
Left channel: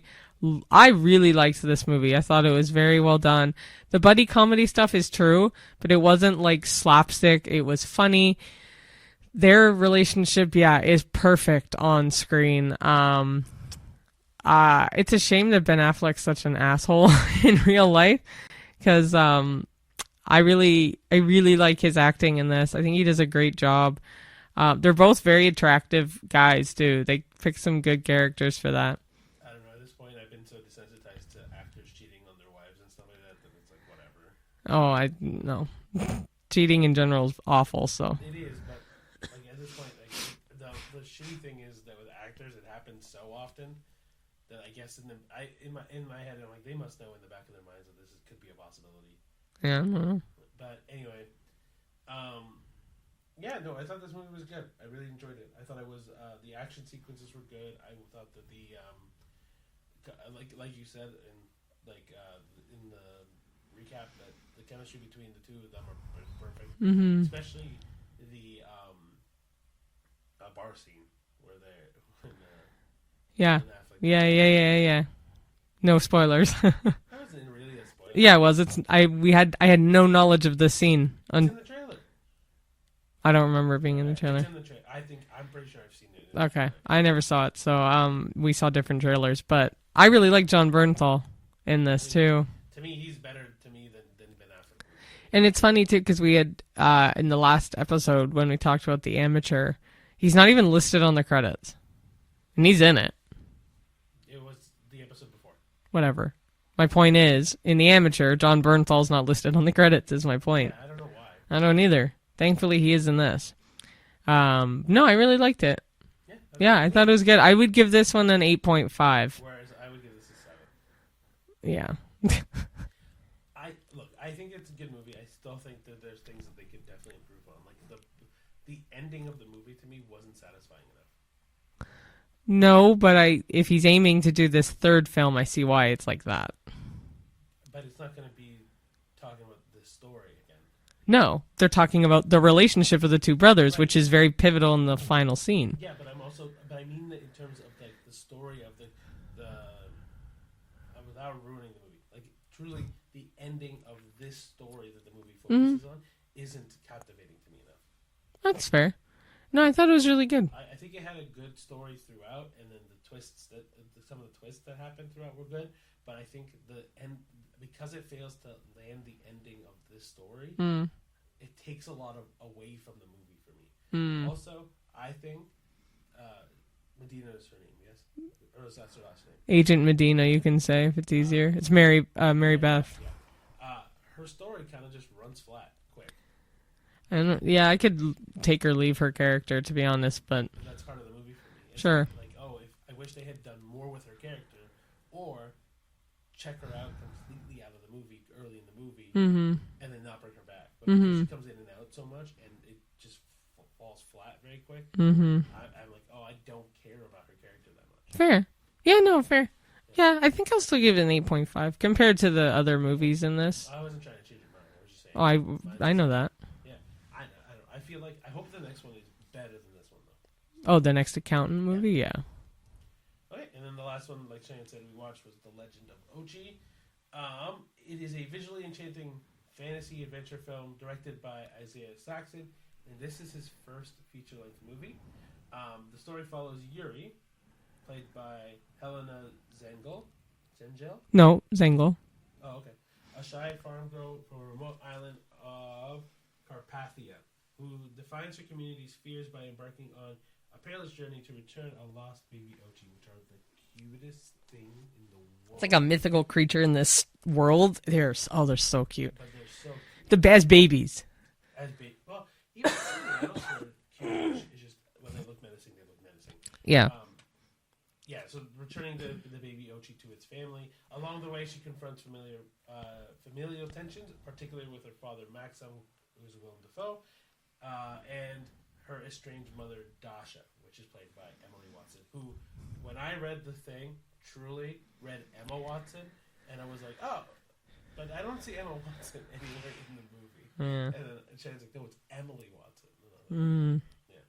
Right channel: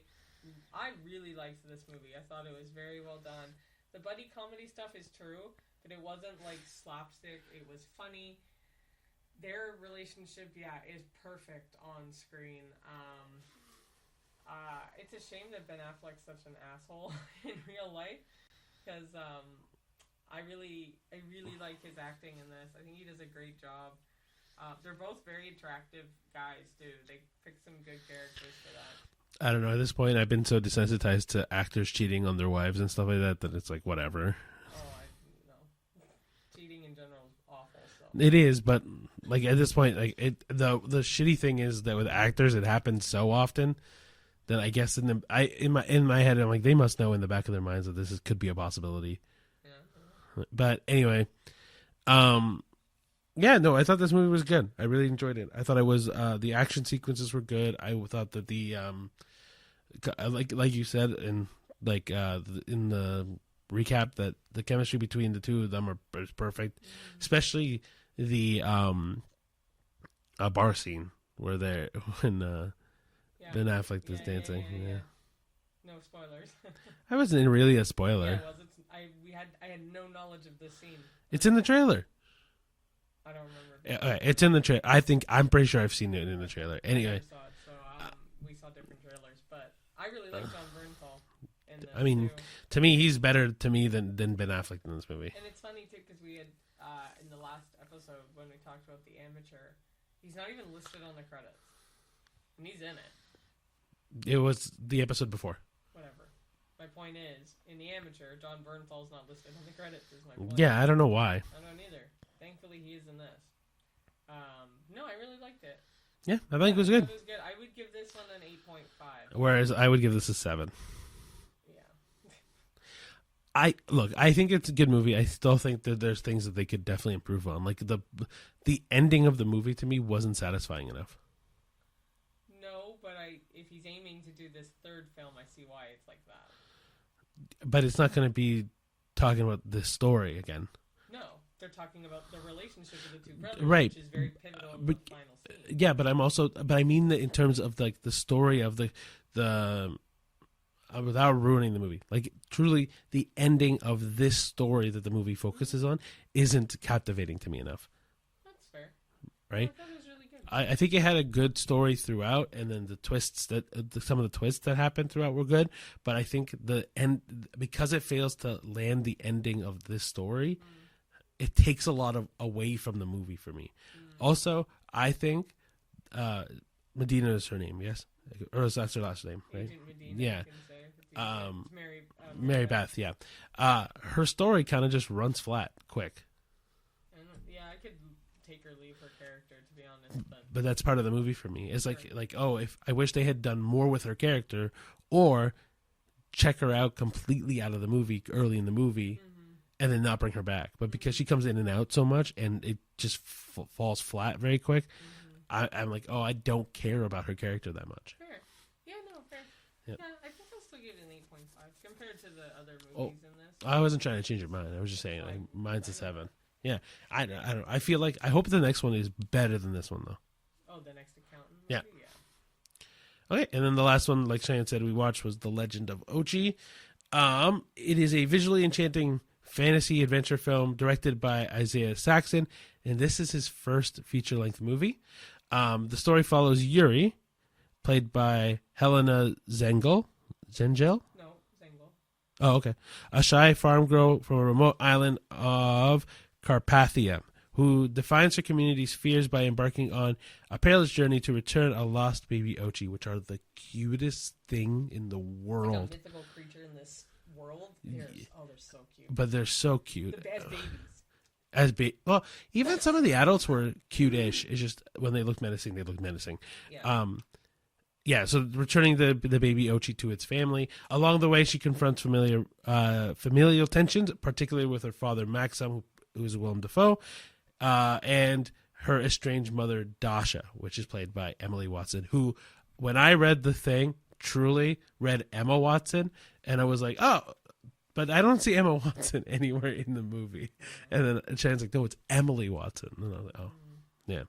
really liked this movie. I thought it was very well done. The buddy comedy stuff is true, but it wasn't like slapstick. It was funny. Their relationship, is perfect on screen. It's a shame that Ben Affleck's such an asshole in real life, because I really like his acting in this. I think he does a great job. They're both very attractive guys too. They pick some good characters for that. I don't know. At this point, I've been so desensitized to actors cheating on their wives and stuff like that it's like whatever. Oh, no. Cheating in general is awful. So it is, but like at this point, like the shitty thing is that with actors, it happens so often that I guess in my head, I'm like, they must know in the back of their minds that could be a possibility. Yeah. I don't know. But anyway, I thought this movie was good. I really enjoyed it. I thought it was the action sequences were good. I thought that the like you said in in the recap, that the chemistry between the two of them is perfect. Mm-hmm. Especially the bar scene where they're when Ben Affleck. Yeah. No spoilers. That wasn't really a spoiler. Yeah, it was. I had no knowledge of this scene. It's in the trailer. I don't remember being in the trailer. It's in the trailer. I'm pretty sure I've seen it in the trailer. I never saw it, so we saw different trailers. But I really like John Bernthal in this too. To me, he's better to me than Ben Affleck in this movie. And it's funny too because we had in the last episode when we talked about The Amateur, he's not even listed on the credits, and he's in it. It was the episode before. Whatever. My point is, in The Amateur, John Bernthal's not listed on the credits, is my point. Yeah, I don't know why. I don't either. Thankfully, he is in this. No, I really liked it. Yeah, I thought it was good. I would give this one an 8.5. Whereas I would give this a 7. Yeah. I think it's a good movie. I still think that there's things that they could definitely improve on. Like the ending of the movie to me wasn't satisfying enough. No, but if he's aiming to do this third film, I see why it's like that. But it's not going to be talking about this story again. No, they're talking about the relationship of the two brothers, right, which is very pivotal in the final scene. Yeah, but I mean that in terms of like the story of the without ruining the movie, like truly the ending of this story that the movie focuses on isn't captivating to me enough. That's fair. Right? No, I thought it was really good. I think it had a good story throughout, and then the twists some of the twists that happened throughout were good. But I think the end, because it fails to land the ending of this story, it takes a lot away from the movie for me. Also, I think Medina is her name, yes, or that's her last name. Agent Medina, you can say if it's easier. It's Mary Beth. Yeah, her story kind of just runs flat quick. I could take or leave her character, to be honest, but that's part of the movie for me. It's sure. like, if I wish they had done more with her character, or check her out completely out of the movie early in the movie and then not bring her back. But because she comes in and out so much and it just falls flat very quick, I'm like, oh, I don't care about her character that much. Fair. Yeah, no, fair. Yeah, I think I'll still give it an 8.5 compared to the other movies in this. I wasn't trying to change your mind. I was just saying. Oh, I know that. Yeah, I don't. I feel like I hope the next one is better than this one though. Oh, the next accountant movie, yeah. Okay, and then the last one, like Cheyenne said, we watched was The Legend of Ochi. It is a visually enchanting fantasy adventure film directed by Isaiah Saxon, and this is his first feature-length movie. The story follows Yuri, played by Helena Zengel. Zengel? No, Zengel. Oh, okay. A shy farm girl from a remote island of Carpathia, who defines her community's fears by embarking on a perilous journey to return a lost baby Ochi, which are the cutest thing in the world. It's like a mythical creature in this world. They're so cute. But they're so cute. The best babies. Well, even some of the adults were cute-ish. It's just when they look menacing, they look menacing. Yeah. So returning the baby Ochi to its family. Along the way, she confronts familial tensions, particularly with her father, Maxim, who is Willem Dafoe, and her estranged mother, Dasha, which is played by Emily Watson, who, when I read The Thing, truly read Emma Watson, and I was like, oh, but I don't see Emma Watson anywhere in the movie. And then Shannon's like, no, it's Emily Watson. And I was like, oh. Yeah.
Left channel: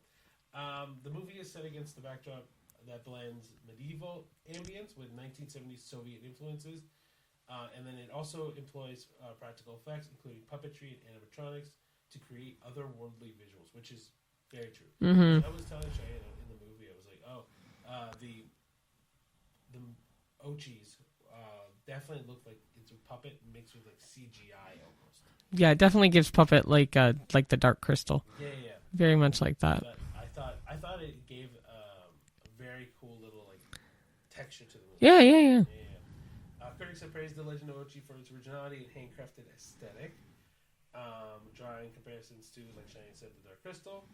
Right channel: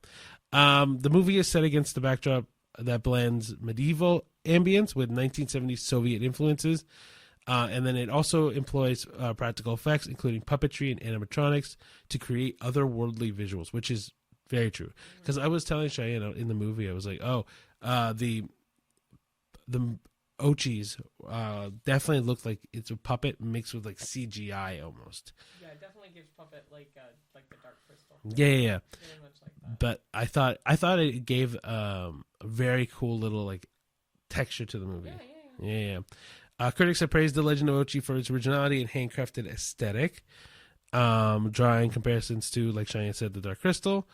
The movie is set against the backdrop that blends medieval ambience with 1970s Soviet influences. And then it also employs practical effects, including puppetry and animatronics, to create otherworldly visuals, which is very true. Because I was telling Cheyenne in the movie, I was like, oh, the Ochis definitely look like it's a puppet mixed with like CGI almost. Yeah, it definitely gives puppet like the Dark Crystal. Yeah. Very much like that. But I thought it gave a very cool little like texture to the movie. Yeah. Critics have praised The Legend of Ochi for its originality and handcrafted aesthetic, drawing comparisons to, like Cheyenne said, The Dark Crystal,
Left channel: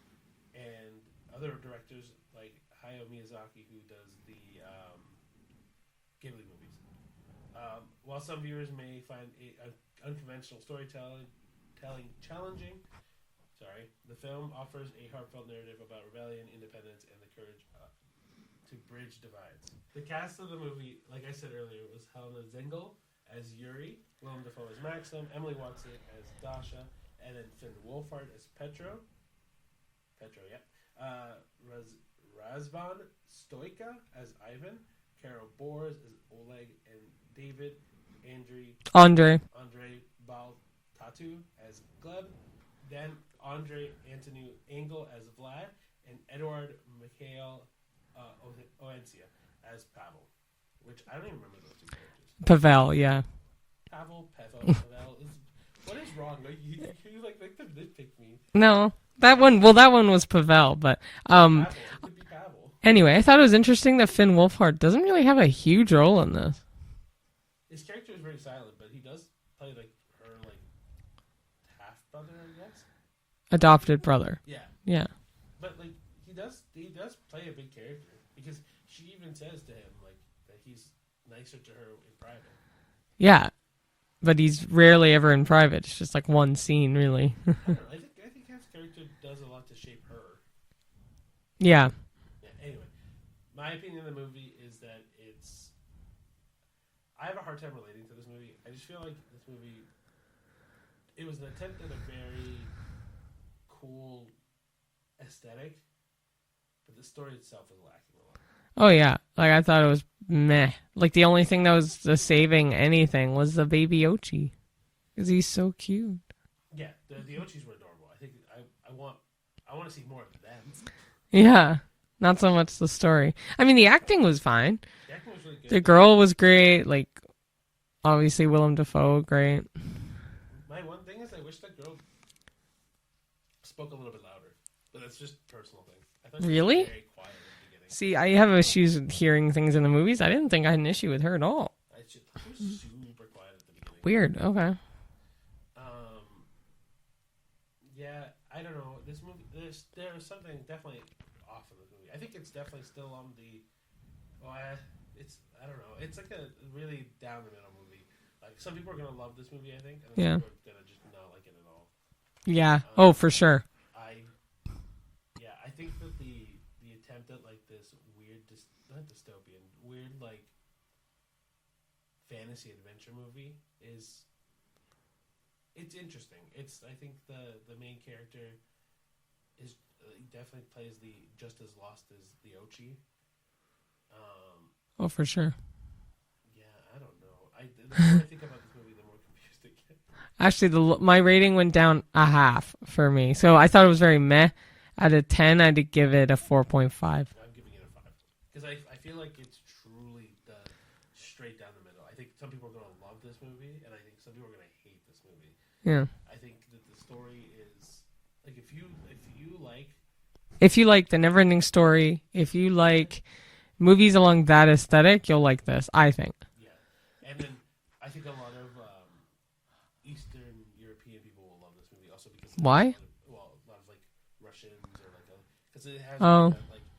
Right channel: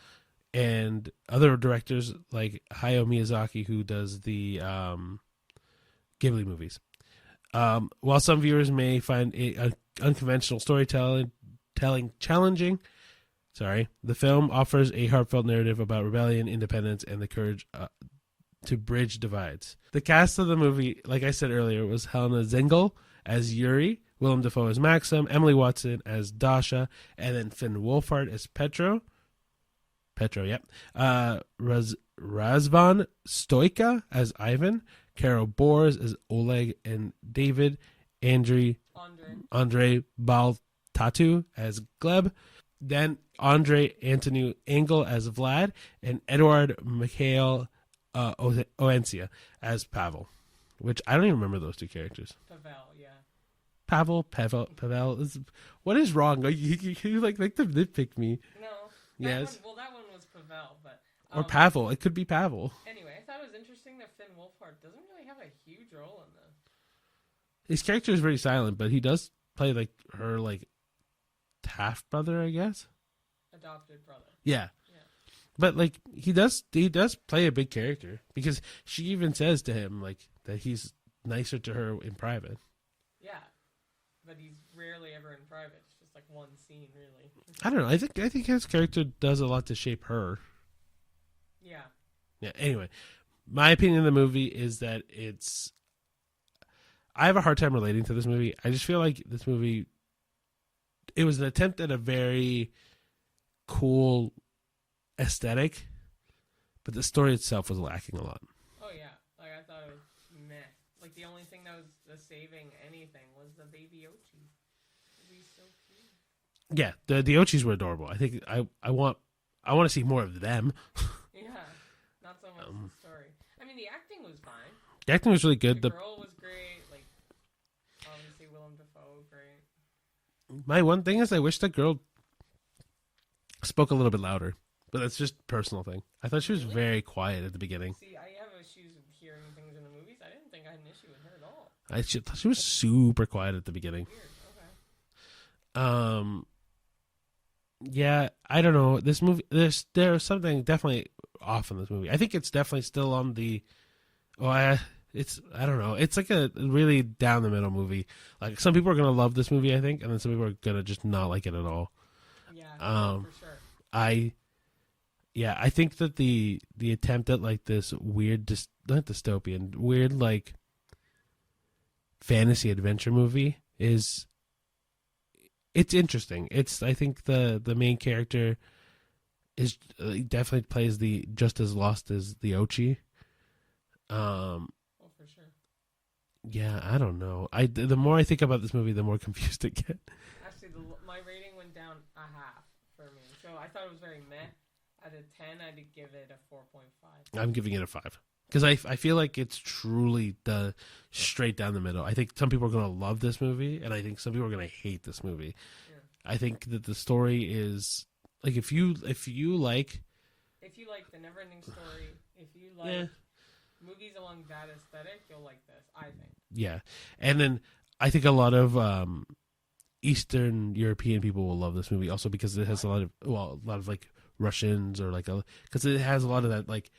and other directors like Hayao Miyazaki, who does the Ghibli movies. While some viewers may find unconventional storytelling challenging, the film offers a heartfelt narrative about rebellion, independence, and the courage to bridge divides. The cast of the movie, like I said earlier, was Helena Zengel as Yuri, Willem Dafoe as Maxim, Emily Watson as Dasha, and then Finn Wolfhard as Petro, yep. Razvan Stoika as Ivan, Carol Bors as Oleg, and David Andre Baltatu as Gleb. Then Andre Antonu Engel as Vlad, and Eduard Mikhail Oencia as Pavel, which I don't even remember those two characters. Pavel, yeah. Pavel. What is wrong? You like to nitpick me. No. That one was Pavel, but Pavel. It could be Pavel. Anyway, I thought it was interesting that Finn Wolfhard doesn't really have a huge role in this. His character is very silent, but he does play like her half brother, I guess. Adopted brother. Yeah. But like he does play a big character, because she even says to him like that he's nicer to her in private. Yeah. But he's rarely ever in private. It's just like one scene, really. I don't know. I think his character does a lot to shape her. Yeah. Anyway, my opinion of the movie is that I have a hard time relating to this movie. I just feel like this movie, it was an attempt at a very cool aesthetic, but the story itself was lacking a lot. Oh yeah, like I thought it was meh. Like the only thing that was saving anything was the baby Ochi, because he's so cute. Yeah, the Ochis were adorable. I think I want to see more of them. Yeah, not so much the story. I mean, the acting was fine. The acting was really good. The girl was great. Like, obviously Willem Dafoe, great. My one thing is I wish the girl spoke a little bit louder. But that's just a personal thing. I thought she was very quiet at the beginning. See, I have issues with hearing things in the movies. I didn't think I had an issue with her at all. She was super quiet at the beginning. Weird. Okay. Yeah, I don't know. This movie, there's something definitely off in this movie. I think it's definitely still on the. Oh, I don't know. It's like a really down the middle movie. Like some people are gonna love this movie, I think, and then some people are gonna just not like it at all. Yeah. For sure. I think that the attempt at like this weird, not dystopian, weird like fantasy adventure movie it's interesting. I think the main character is definitely plays the just as lost as the Ochi. For sure. Yeah, I don't know. The more I think about this movie, the more confused I get. Actually, my rating went down a half for me, so I thought it was very meh. Out of 10, I'd give it a 4.5. I'm giving it a 5 because I feel like it's truly the straight down the middle. I think some people are going to love this movie, and I think some people are going to hate this movie. Yeah, I think that the story is like if you like the Neverending Story, if you like movies along that aesthetic, you'll like this. I think. Yeah, and then I think a lot of Eastern European people will love this movie also because it has a lot of like Russians or like because it has a lot of that like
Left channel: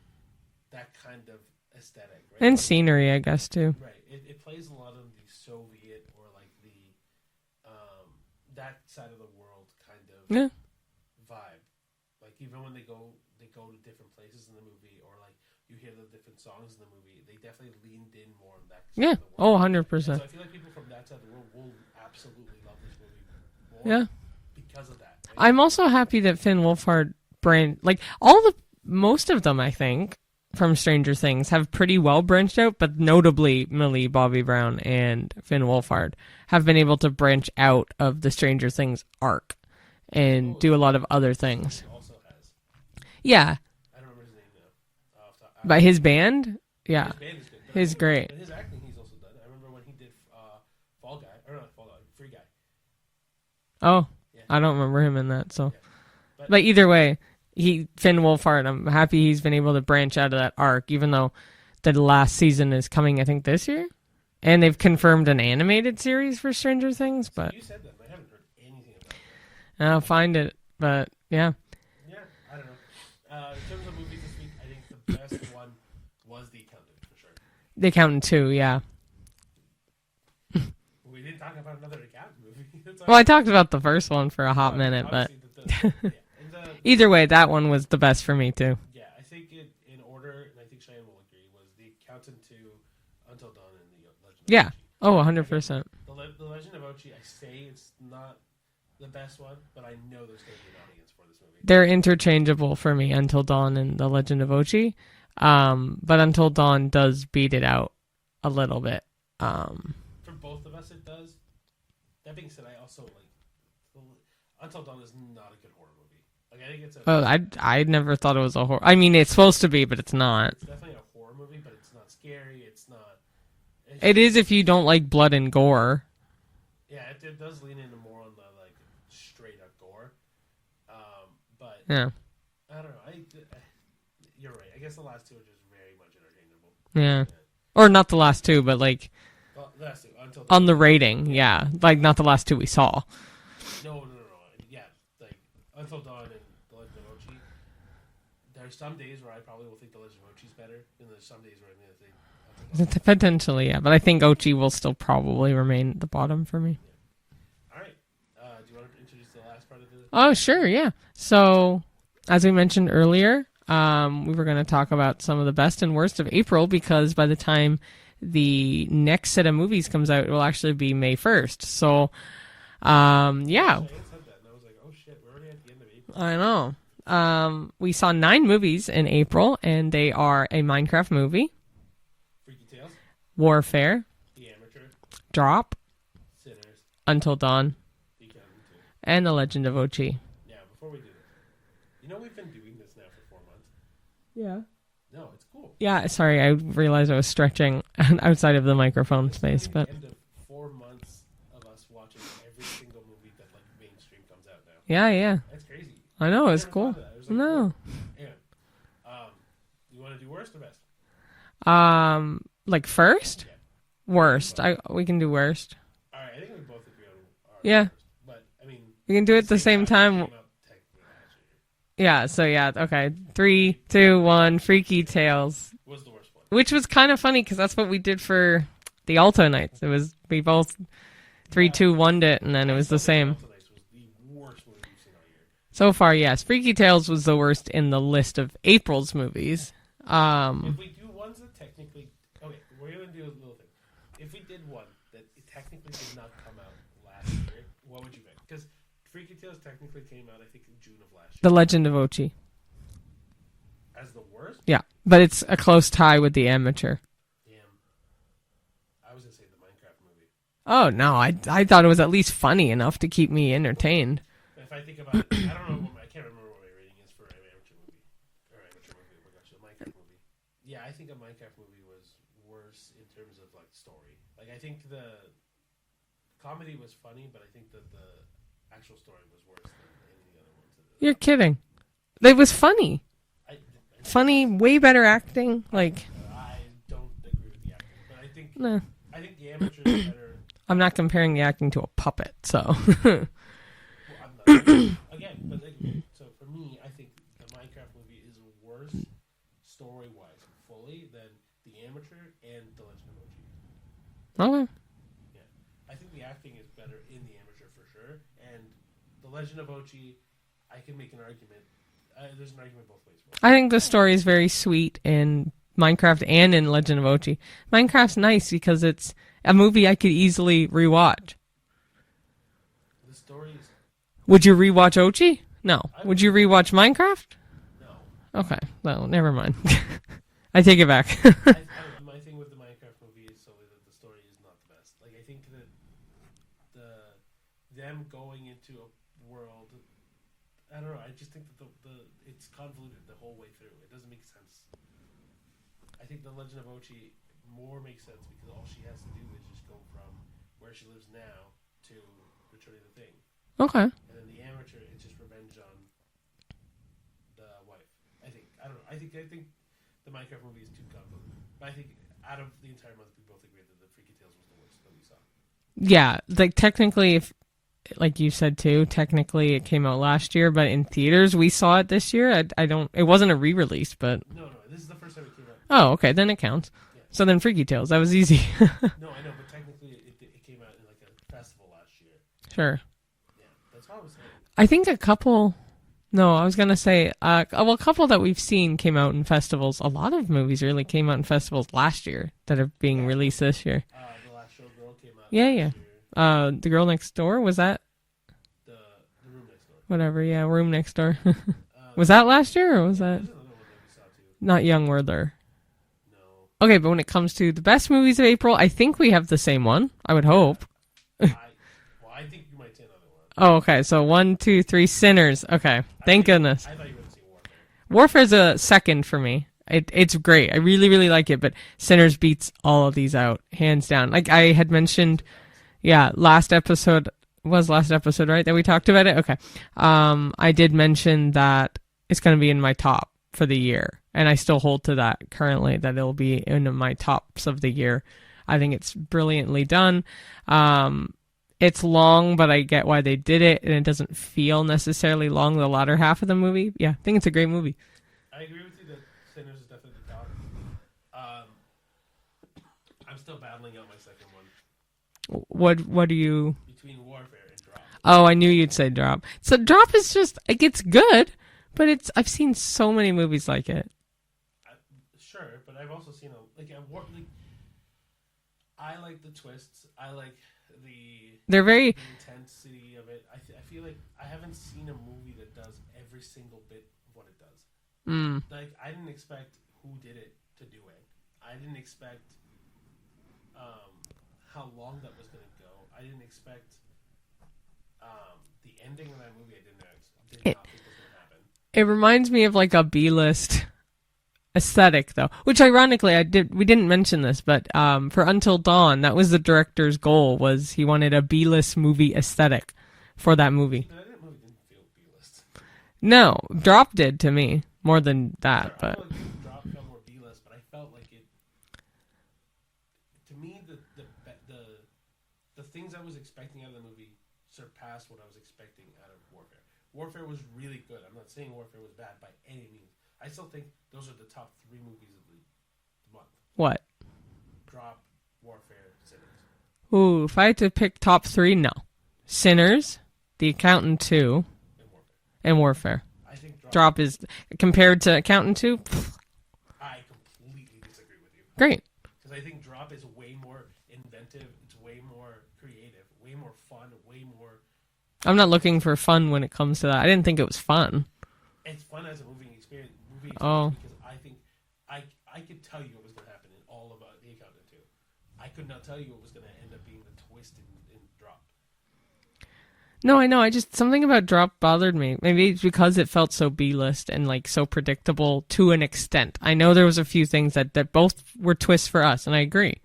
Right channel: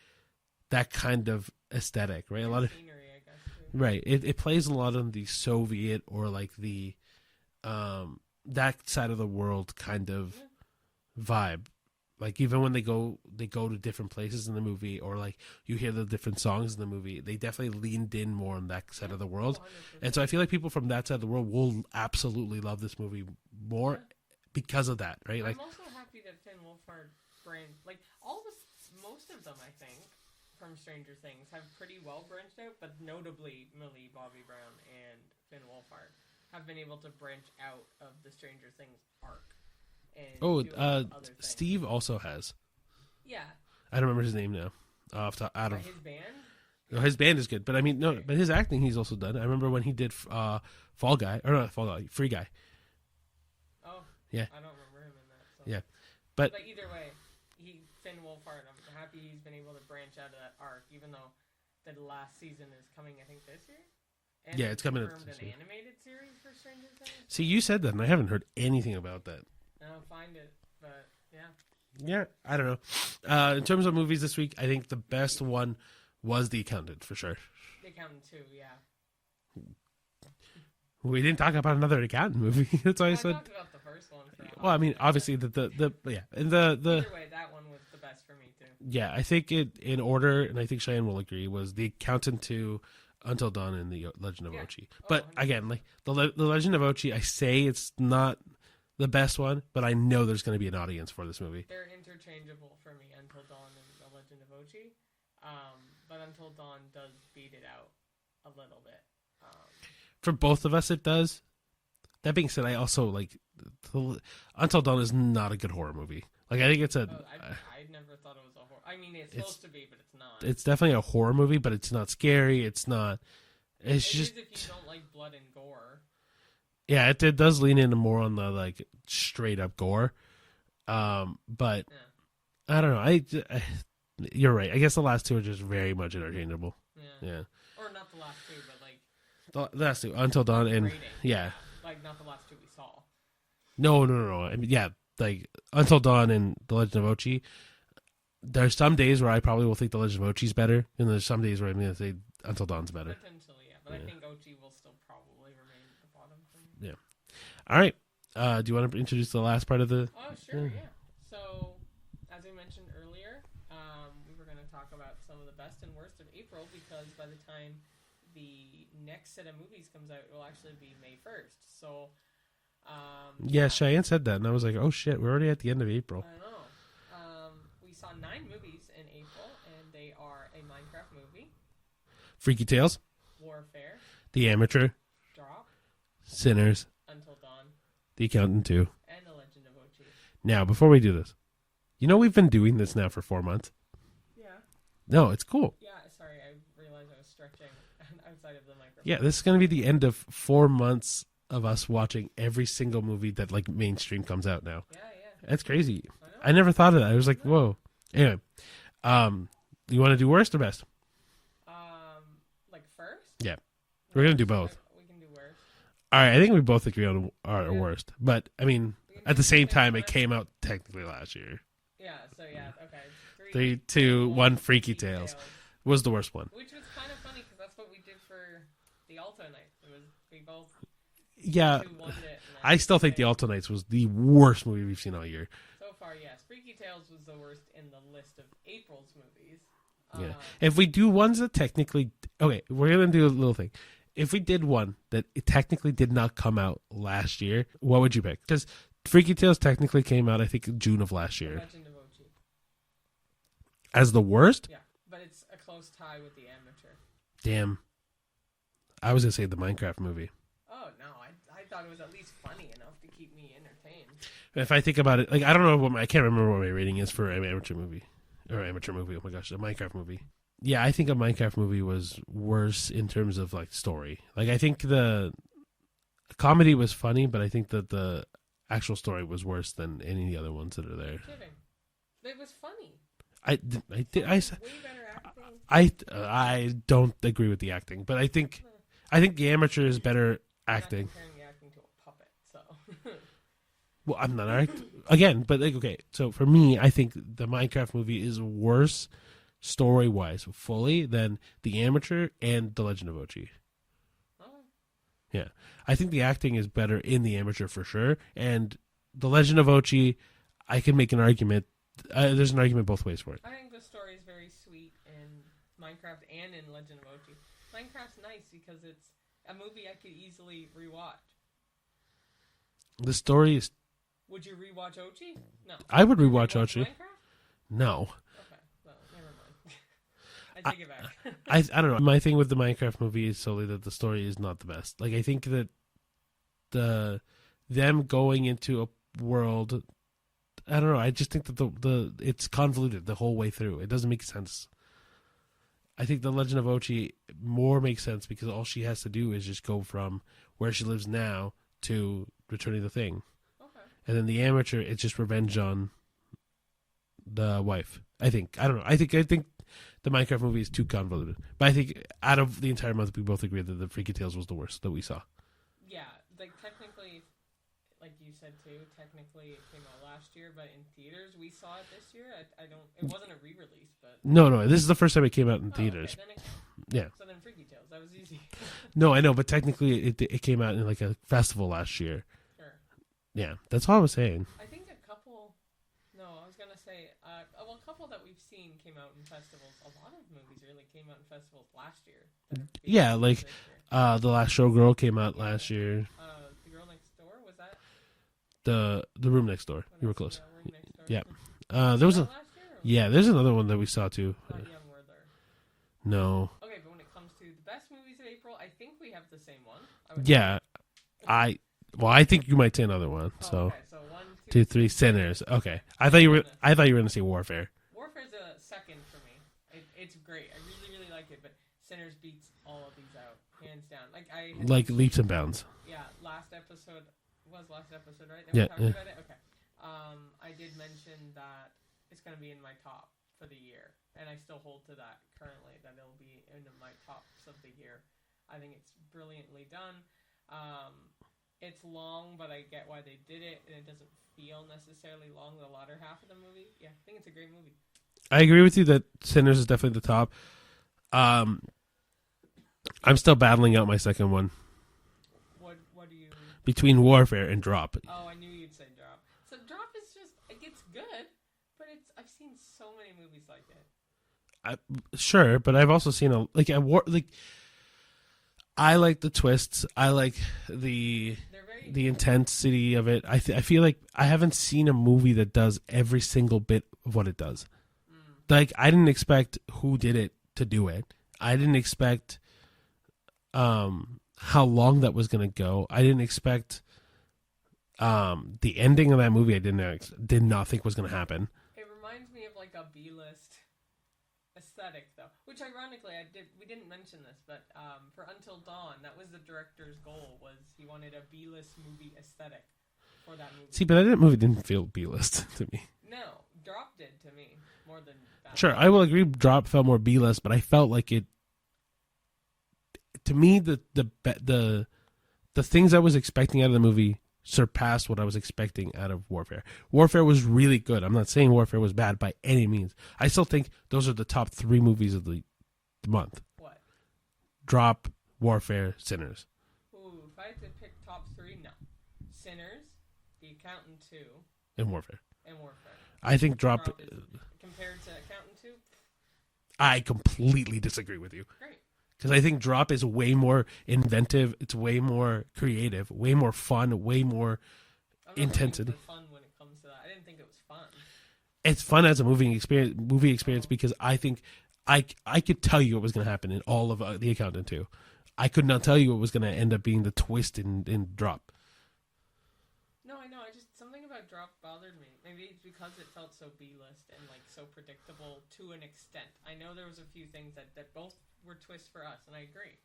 that kind of aesthetic, right? And scenery, I guess too. Right. It plays a lot on the Soviet or like the that side of the world kind of vibe. Like even when they go to different places in the movie, or like you hear the different songs in the movie, they definitely leaned in more on that side of the world. 100%. And so I feel like people from that side of the world will absolutely love this movie more because of that. Right. I'm also happy that Finn Wolfhard like most of them, I think, from Stranger Things have pretty well branched out, but notably Millie Bobby Brown and Finn Wolfhard have been able to branch out of the Stranger Things arc and do a lot of other things. Steve also has. Yeah. I don't remember his name now. But his band? Yeah. His band is good. But he's great. But his acting he's also done. I remember when he did Fall Guy. Or not Fall Guy. Free Guy. Oh. Yeah. I don't remember him in that. So. Yeah. But either way, Finn Wolfhard, I'm happy he's been able to branch out of that arc, even though the last season is coming, I think, this year. And they've confirmed an animated series for Stranger Things. So you said that, and I haven't heard anything about that. I'll find it, but yeah. Yeah, I don't know. In terms of movies this week, I think the best one was The Accountant, for sure. The Accountant 2, yeah. We didn't talk about another accountant movie. I talked about the first one for a hot minute. Obviously, either way, that one was the best for me, too. Yeah, I think it, in order, and I think Cheyenne will agree, was The Accountant 2, Until Dawn, and The Legend of Ochi. Oh, 100%. Again, the Legend of Ochi, I say it's not the best one, but I know there's going to be an audience for this movie. They're interchangeable for me, Until Dawn and The Legend of Ochi. But Until Dawn does beat it out a little bit. For both of us, it does. That being said, I also like Until Dawn is not a good horror movie. Like I think it's I never thought it was a horror. I mean, it's supposed to be, but it's not. It's definitely a horror movie, but it's not scary. It's not. It is if you don't like blood and gore. Yeah, it does lean into more on the like straight up gore. But yeah, I don't know. You're right. I guess the last two are just very much interchangeable. Yeah. Or not the last two, but like. The last two, Until Dawn. On the rating, yeah. Like, not the last two we saw. No. I mean, yeah, like, Until Dawn and The Legend of Ochi, there's some days where I probably will think The Legend of Ochi is better, and there's some days where I'm going to say Until Dawn is better. Potentially, yeah. But I think Ochi will still probably remain at the bottom for me. Yeah. All right. Do you want to introduce the last part of the... Oh, sure, yeah. So, as we mentioned earlier, we were going to talk about some of the best and worst of April, because by the time the next set of movies comes out, it will actually be May 1st. So, yeah. Cheyenne said that, and I was like, oh shit, we're already at the end of April. I know. We saw 9 movies in April, and they are a Minecraft movie, Freaky Tales, Warfare, The Amateur, Drop, Sinners, Until Dawn, The Accountant 2, and The Legend of Ochi. Now, before we do this, we've been doing this now for 4 months. Yeah. No, it's cool. Yeah, sorry, I realized I was stretching outside of the microphone. Yeah, this is going to be the end of 4 months of us watching every single movie that like mainstream comes out now. Yeah. That's crazy. I know. I never thought of that. I was like, whoa. Anyway, you want to do worst or best? Like first? Yeah. Worst. We can do worst. All right, I think we both agree on our worst. But, I mean, we can do it at the same time. It came out technically last year. Yeah, so yeah, okay. 3, 2, 1, Freaky Tales. Was the worst one. Which was kind of funny because that's what we did for the Alto Nights. We both 3, 2, 1'd it, and then it was the same. I still think the Alto Nights was the worst movie we've seen all year. So far, yes. Freaky Tales was the worst in the list of April's movies. If we do ones that technically... Okay, we're going to do a little thing. If we did one that it technically did not come out last year, what would you pick? Because Freaky Tales technically came out, I think, in June of last year. The Legend of Ochi. As the worst? Yeah, but it's a close tie with The Amateur. Damn. I was going to say the Minecraft movie. Oh, no, I thought it was at least funny enough to keep me entertained. If I think about it, like I don't know I can't remember what my rating is for an amateur movie. Oh my gosh, a Minecraft movie. Yeah, I think a Minecraft movie was worse in terms of like story. Like I think the comedy was funny, but I think that the actual story was worse than any of the other ones that are there. You're kidding. It was funny. Funny, way better acting. I don't agree with the acting, but I think the Amateur is better. I'm not comparing the acting to a puppet, so. Well, I'm not arguing again, but like okay. So for me, I think the Minecraft movie is worse story-wise, fully than the Amateur and the Legend of Ochi. Okay. Yeah, I think the acting is better in the Amateur for sure, and the Legend of Ochi, I can make an argument. There's an argument both ways for it. I think the story is very sweet in Minecraft and in Legend of Ochi. Minecraft's nice because it's a movie I could easily rewatch. The story is... Would you rewatch Ochi? No. Would you rewatch Minecraft? No. Okay. Well, never mind. I take it back. I don't know. My thing with the Minecraft movie is solely that the story is not the best. Like I think that them going into a world, I don't know. I just think that it's convoluted the whole way through. It doesn't make sense. I think the Legend of Ochi more makes sense because all she has to do is just go from where she lives now to returning the thing. Okay. And then the Amateur, it's just revenge on the wife. I think. I don't know. I think the Minecraft movie is too convoluted. But I think out of the entire month, we both agree that the Freaky Tales was the worst that we saw. Yeah. Like technically, like you said too, technically it came out last year, but in theaters we saw it this year. It wasn't a re-release, but... No, this is the first time it came out in theaters. Okay, then it counts. Yeah. So then Freaky Tales, that was easy. No, I know, but technically it came out in like a festival last year. Sure. Yeah, that's all I was saying. I think a couple... No, I was going to say, a couple that we've seen came out in festivals. A lot of movies really came out in festivals last year that are being released this year. The Last Showgirl came out last year. The Girl Next Door, was that? The Room Next Door. Whatever, Room Next Door. Yeah. Was that last year? Or was that... there's another one that we saw too. Not Young Werther. No. Okay, but when it comes to the best movies of April, I think we have the same one. I would hope. I think you might say another one. Oh, okay. So 1, 2, 3, Sinners. Okay. Thank goodness. I thought you were going to say Warfare. Warfare's a second for me. It's great. I really, really like it, but Sinners beats all of these out, hands down. Like I had mentioned. Leaps and bounds. Yeah, last episode, right? That we talked about it? Okay. I did mention that it's going to be in my top for the year, and I still hold to that currently, that it'll be in my tops of the year. I think it's brilliantly done. It's long, but I get why they did it, and it doesn't feel necessarily long the latter half of the movie. Yeah, I think it's a great movie. I agree with you that Sinners is definitely the top. I'm still battling out my second one. What do you... Between Warfare and Drop. Oh, I knew you'd say Drop. So Drop is just, like, it's good, but I've seen so many movies like it. Sure, but I've also seen I like the twists. I like the intensity of it. I feel like I haven't seen a movie that does every single bit of what it does. Like I didn't expect who did it to do it. I didn't expect how long that was going to go. I didn't expect the ending of that movie. I did not think was going to happen. It reminds me of like a B-list aesthetic, though, which ironically we didn't mention this, but for Until Dawn, that was the director's goal, was he wanted a B-list movie aesthetic for that movie. See, but that movie didn't feel B-list to me. No, Drop did to me more than that. Sure, I will agree. Drop felt more B-list, but I felt like it. To me, the things I was expecting out of the movie surpassed what I was expecting out of Warfare. Warfare was really good. I'm not saying Warfare was bad by any means. I still think those are the top 3 movies of the month. What? Drop, Warfare, Sinners. Ooh, if I had to pick top 3, no. Sinners, The Accountant 2, and Warfare. I think Drop is, compared to Accountant 2, I completely disagree with you. Great. Because I think Drop is way more inventive. It's way more creative, way more fun, way more. I'm not looking for fun when it comes to that. I didn't think it was fun. It's fun as a movie experience because I think I could tell you what was going to happen in all of The Accountant 2. I could not tell you what was going to end up being the twist in Drop. No, I know. Something about Drop bothered me. Maybe it's because it felt so B-list and like so predictable to an extent. I know there was a few things that both were twists for us, and I agree.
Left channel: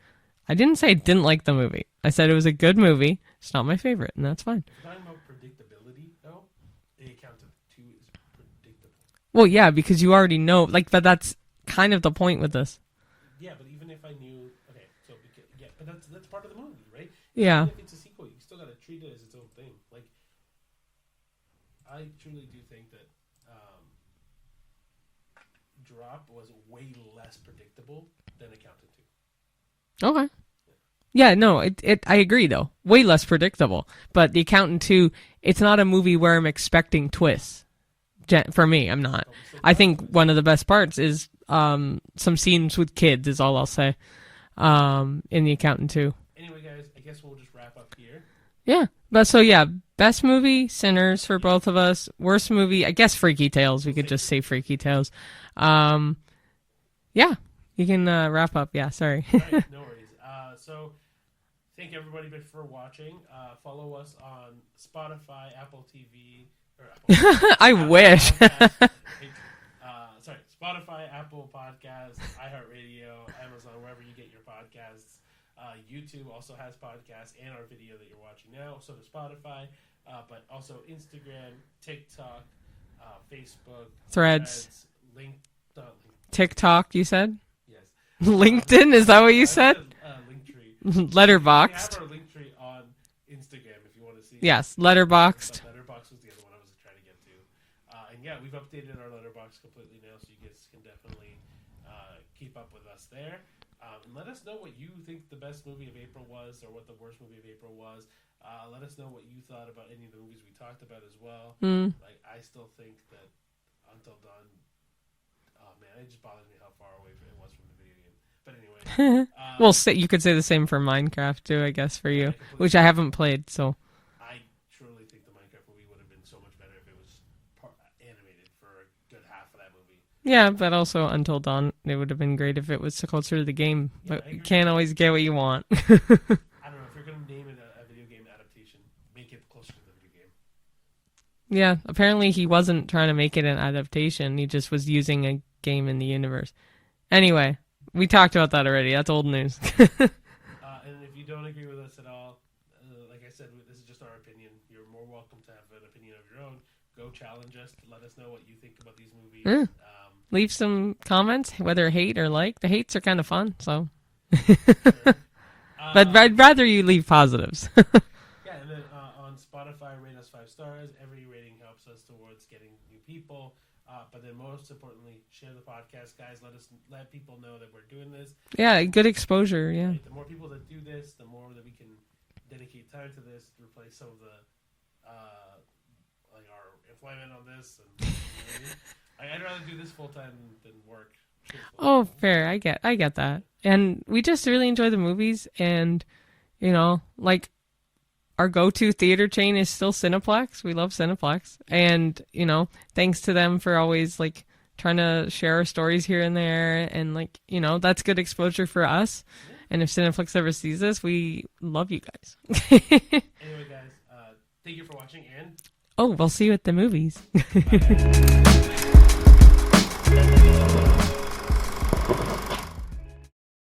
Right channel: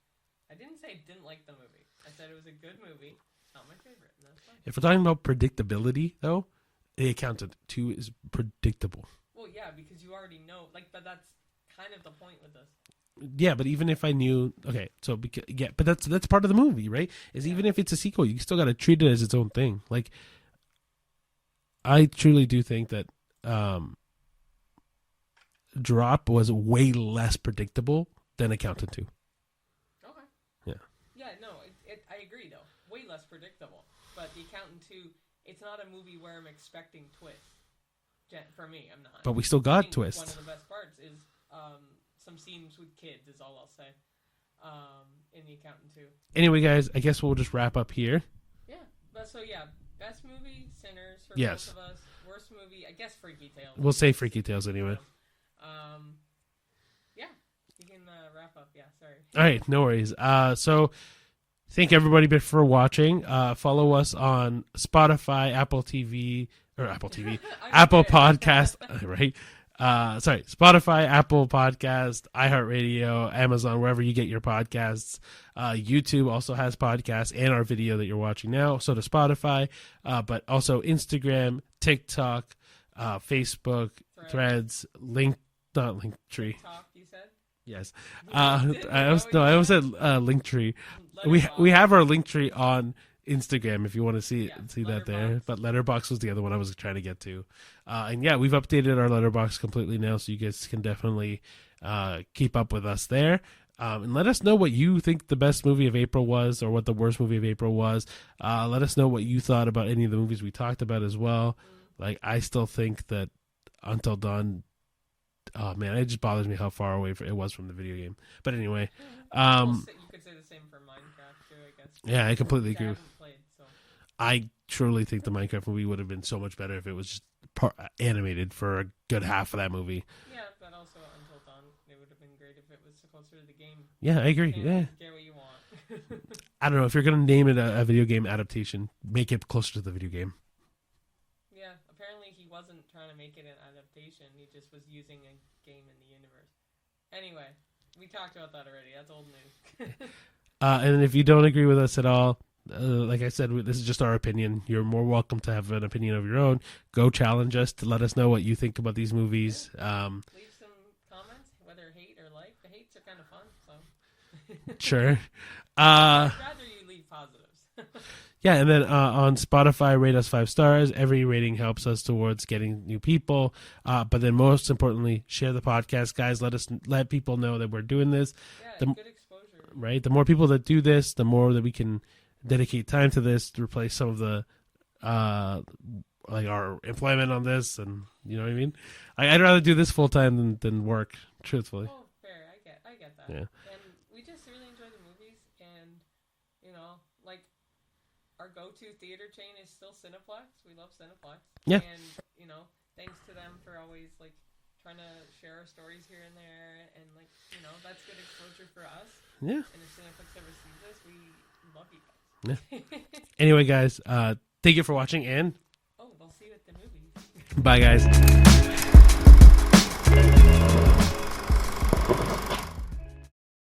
I didn't say I didn't like the movie. I said it was a good movie. It's not my favorite, and that's fine. If we're talking about predictability, though, The Accountant 2 is predictable. Well, yeah, because you already know. But that's kind of the point with this. Yeah, but even if I knew, but that's part of the movie, right? Even if it's a sequel, you still got to treat it as its own thing. Like, I truly do think that Drop was way less predictable than Accountant 2. Okay. Yeah. Yeah, no, I agree though. Way less predictable. But The Accountant 2, it's not a movie where I'm expecting twists. For me, I'm not. But we still got I think twists. One of the best parts is some scenes with kids is all I'll say in The Accountant 2. Anyway, guys, I guess we'll just wrap up here. Yeah. But best movie, Sinners for both of us. Worst movie, I guess Freaky Tales. We could just say Freaky Tales. Yeah, you can wrap up. Yeah, sorry. All right, no worries. So thank everybody for watching. Follow us on Spotify, Apple TV, or Apple TV. Apple Podcast, right? Spotify, Apple Podcast, iHeartRadio, Amazon, wherever you get your podcasts. YouTube also has podcasts and our video that you're watching now. So does Spotify, but also Instagram, TikTok, Facebook, Threads, TikTok, you said? Yes. LinkedIn, is that what you said? Linktree. Letterboxd. We have our Linktree on Instagram if you want to see. Yes, see Letterboxd. Letterboxd was the other one I was trying to get to. And yeah, we've updated our Letterboxd completely now, so you guys can definitely keep up with us there. And let us know what you think the best movie of April was, or what the worst movie of April was. Let us know what you thought about any of the movies we talked about as well. Like, I still think that Until Dawn, oh man, it just bothers me how far away it was from the video game. But anyway, well, you could say the same for Minecraft too, I guess, for you, I completely which agree. I haven't played. So I truly think the Minecraft movie would have been so much better if it was just animated for a good half of that movie. Yeah, but also Until Dawn, it would have been great if it was closer to the game. Yeah, but I agree. You can't always get what you want. I don't know, if you're going to name it a video game adaptation, make it closer to the video game. Yeah, apparently he wasn't trying to make it an adaptation. He just was using a game in the universe. Anyway, we talked about that already. That's old news. And if you don't agree with us at all, like I said, this is just our opinion. You're more welcome to have an opinion of your own. Go challenge us to let us know what you think about these movies. Leave some comments, whether hate or like. The hates are kind of fun, so. Sure. But I'd rather you leave positives. Yeah, and then on Spotify, rate us 5 stars. Every rating helps us towards getting new people. But then most importantly, share the podcast, guys. Let people know that we're doing this. Yeah, good exposure. Yeah. Right. The more people that do this, the more that we can dedicate time to this to replace some of the like our employment on this, and you know what I mean. I'd rather do this full time than work. Truthfully. Oh, fair. I get that. Yeah. And we just really enjoy the movies, and you know, like. Our go-to theater chain is still Cineplex. We love Cineplex. Yeah. And, you know, thanks to them for always, like, trying to share our stories here and there. And, like, you know, that's good exposure for us. Yeah. And if Cineplex ever sees this, we love you guys. Yeah. Anyway, guys, thank you for watching. And we'll see you at the movies. Bye, guys.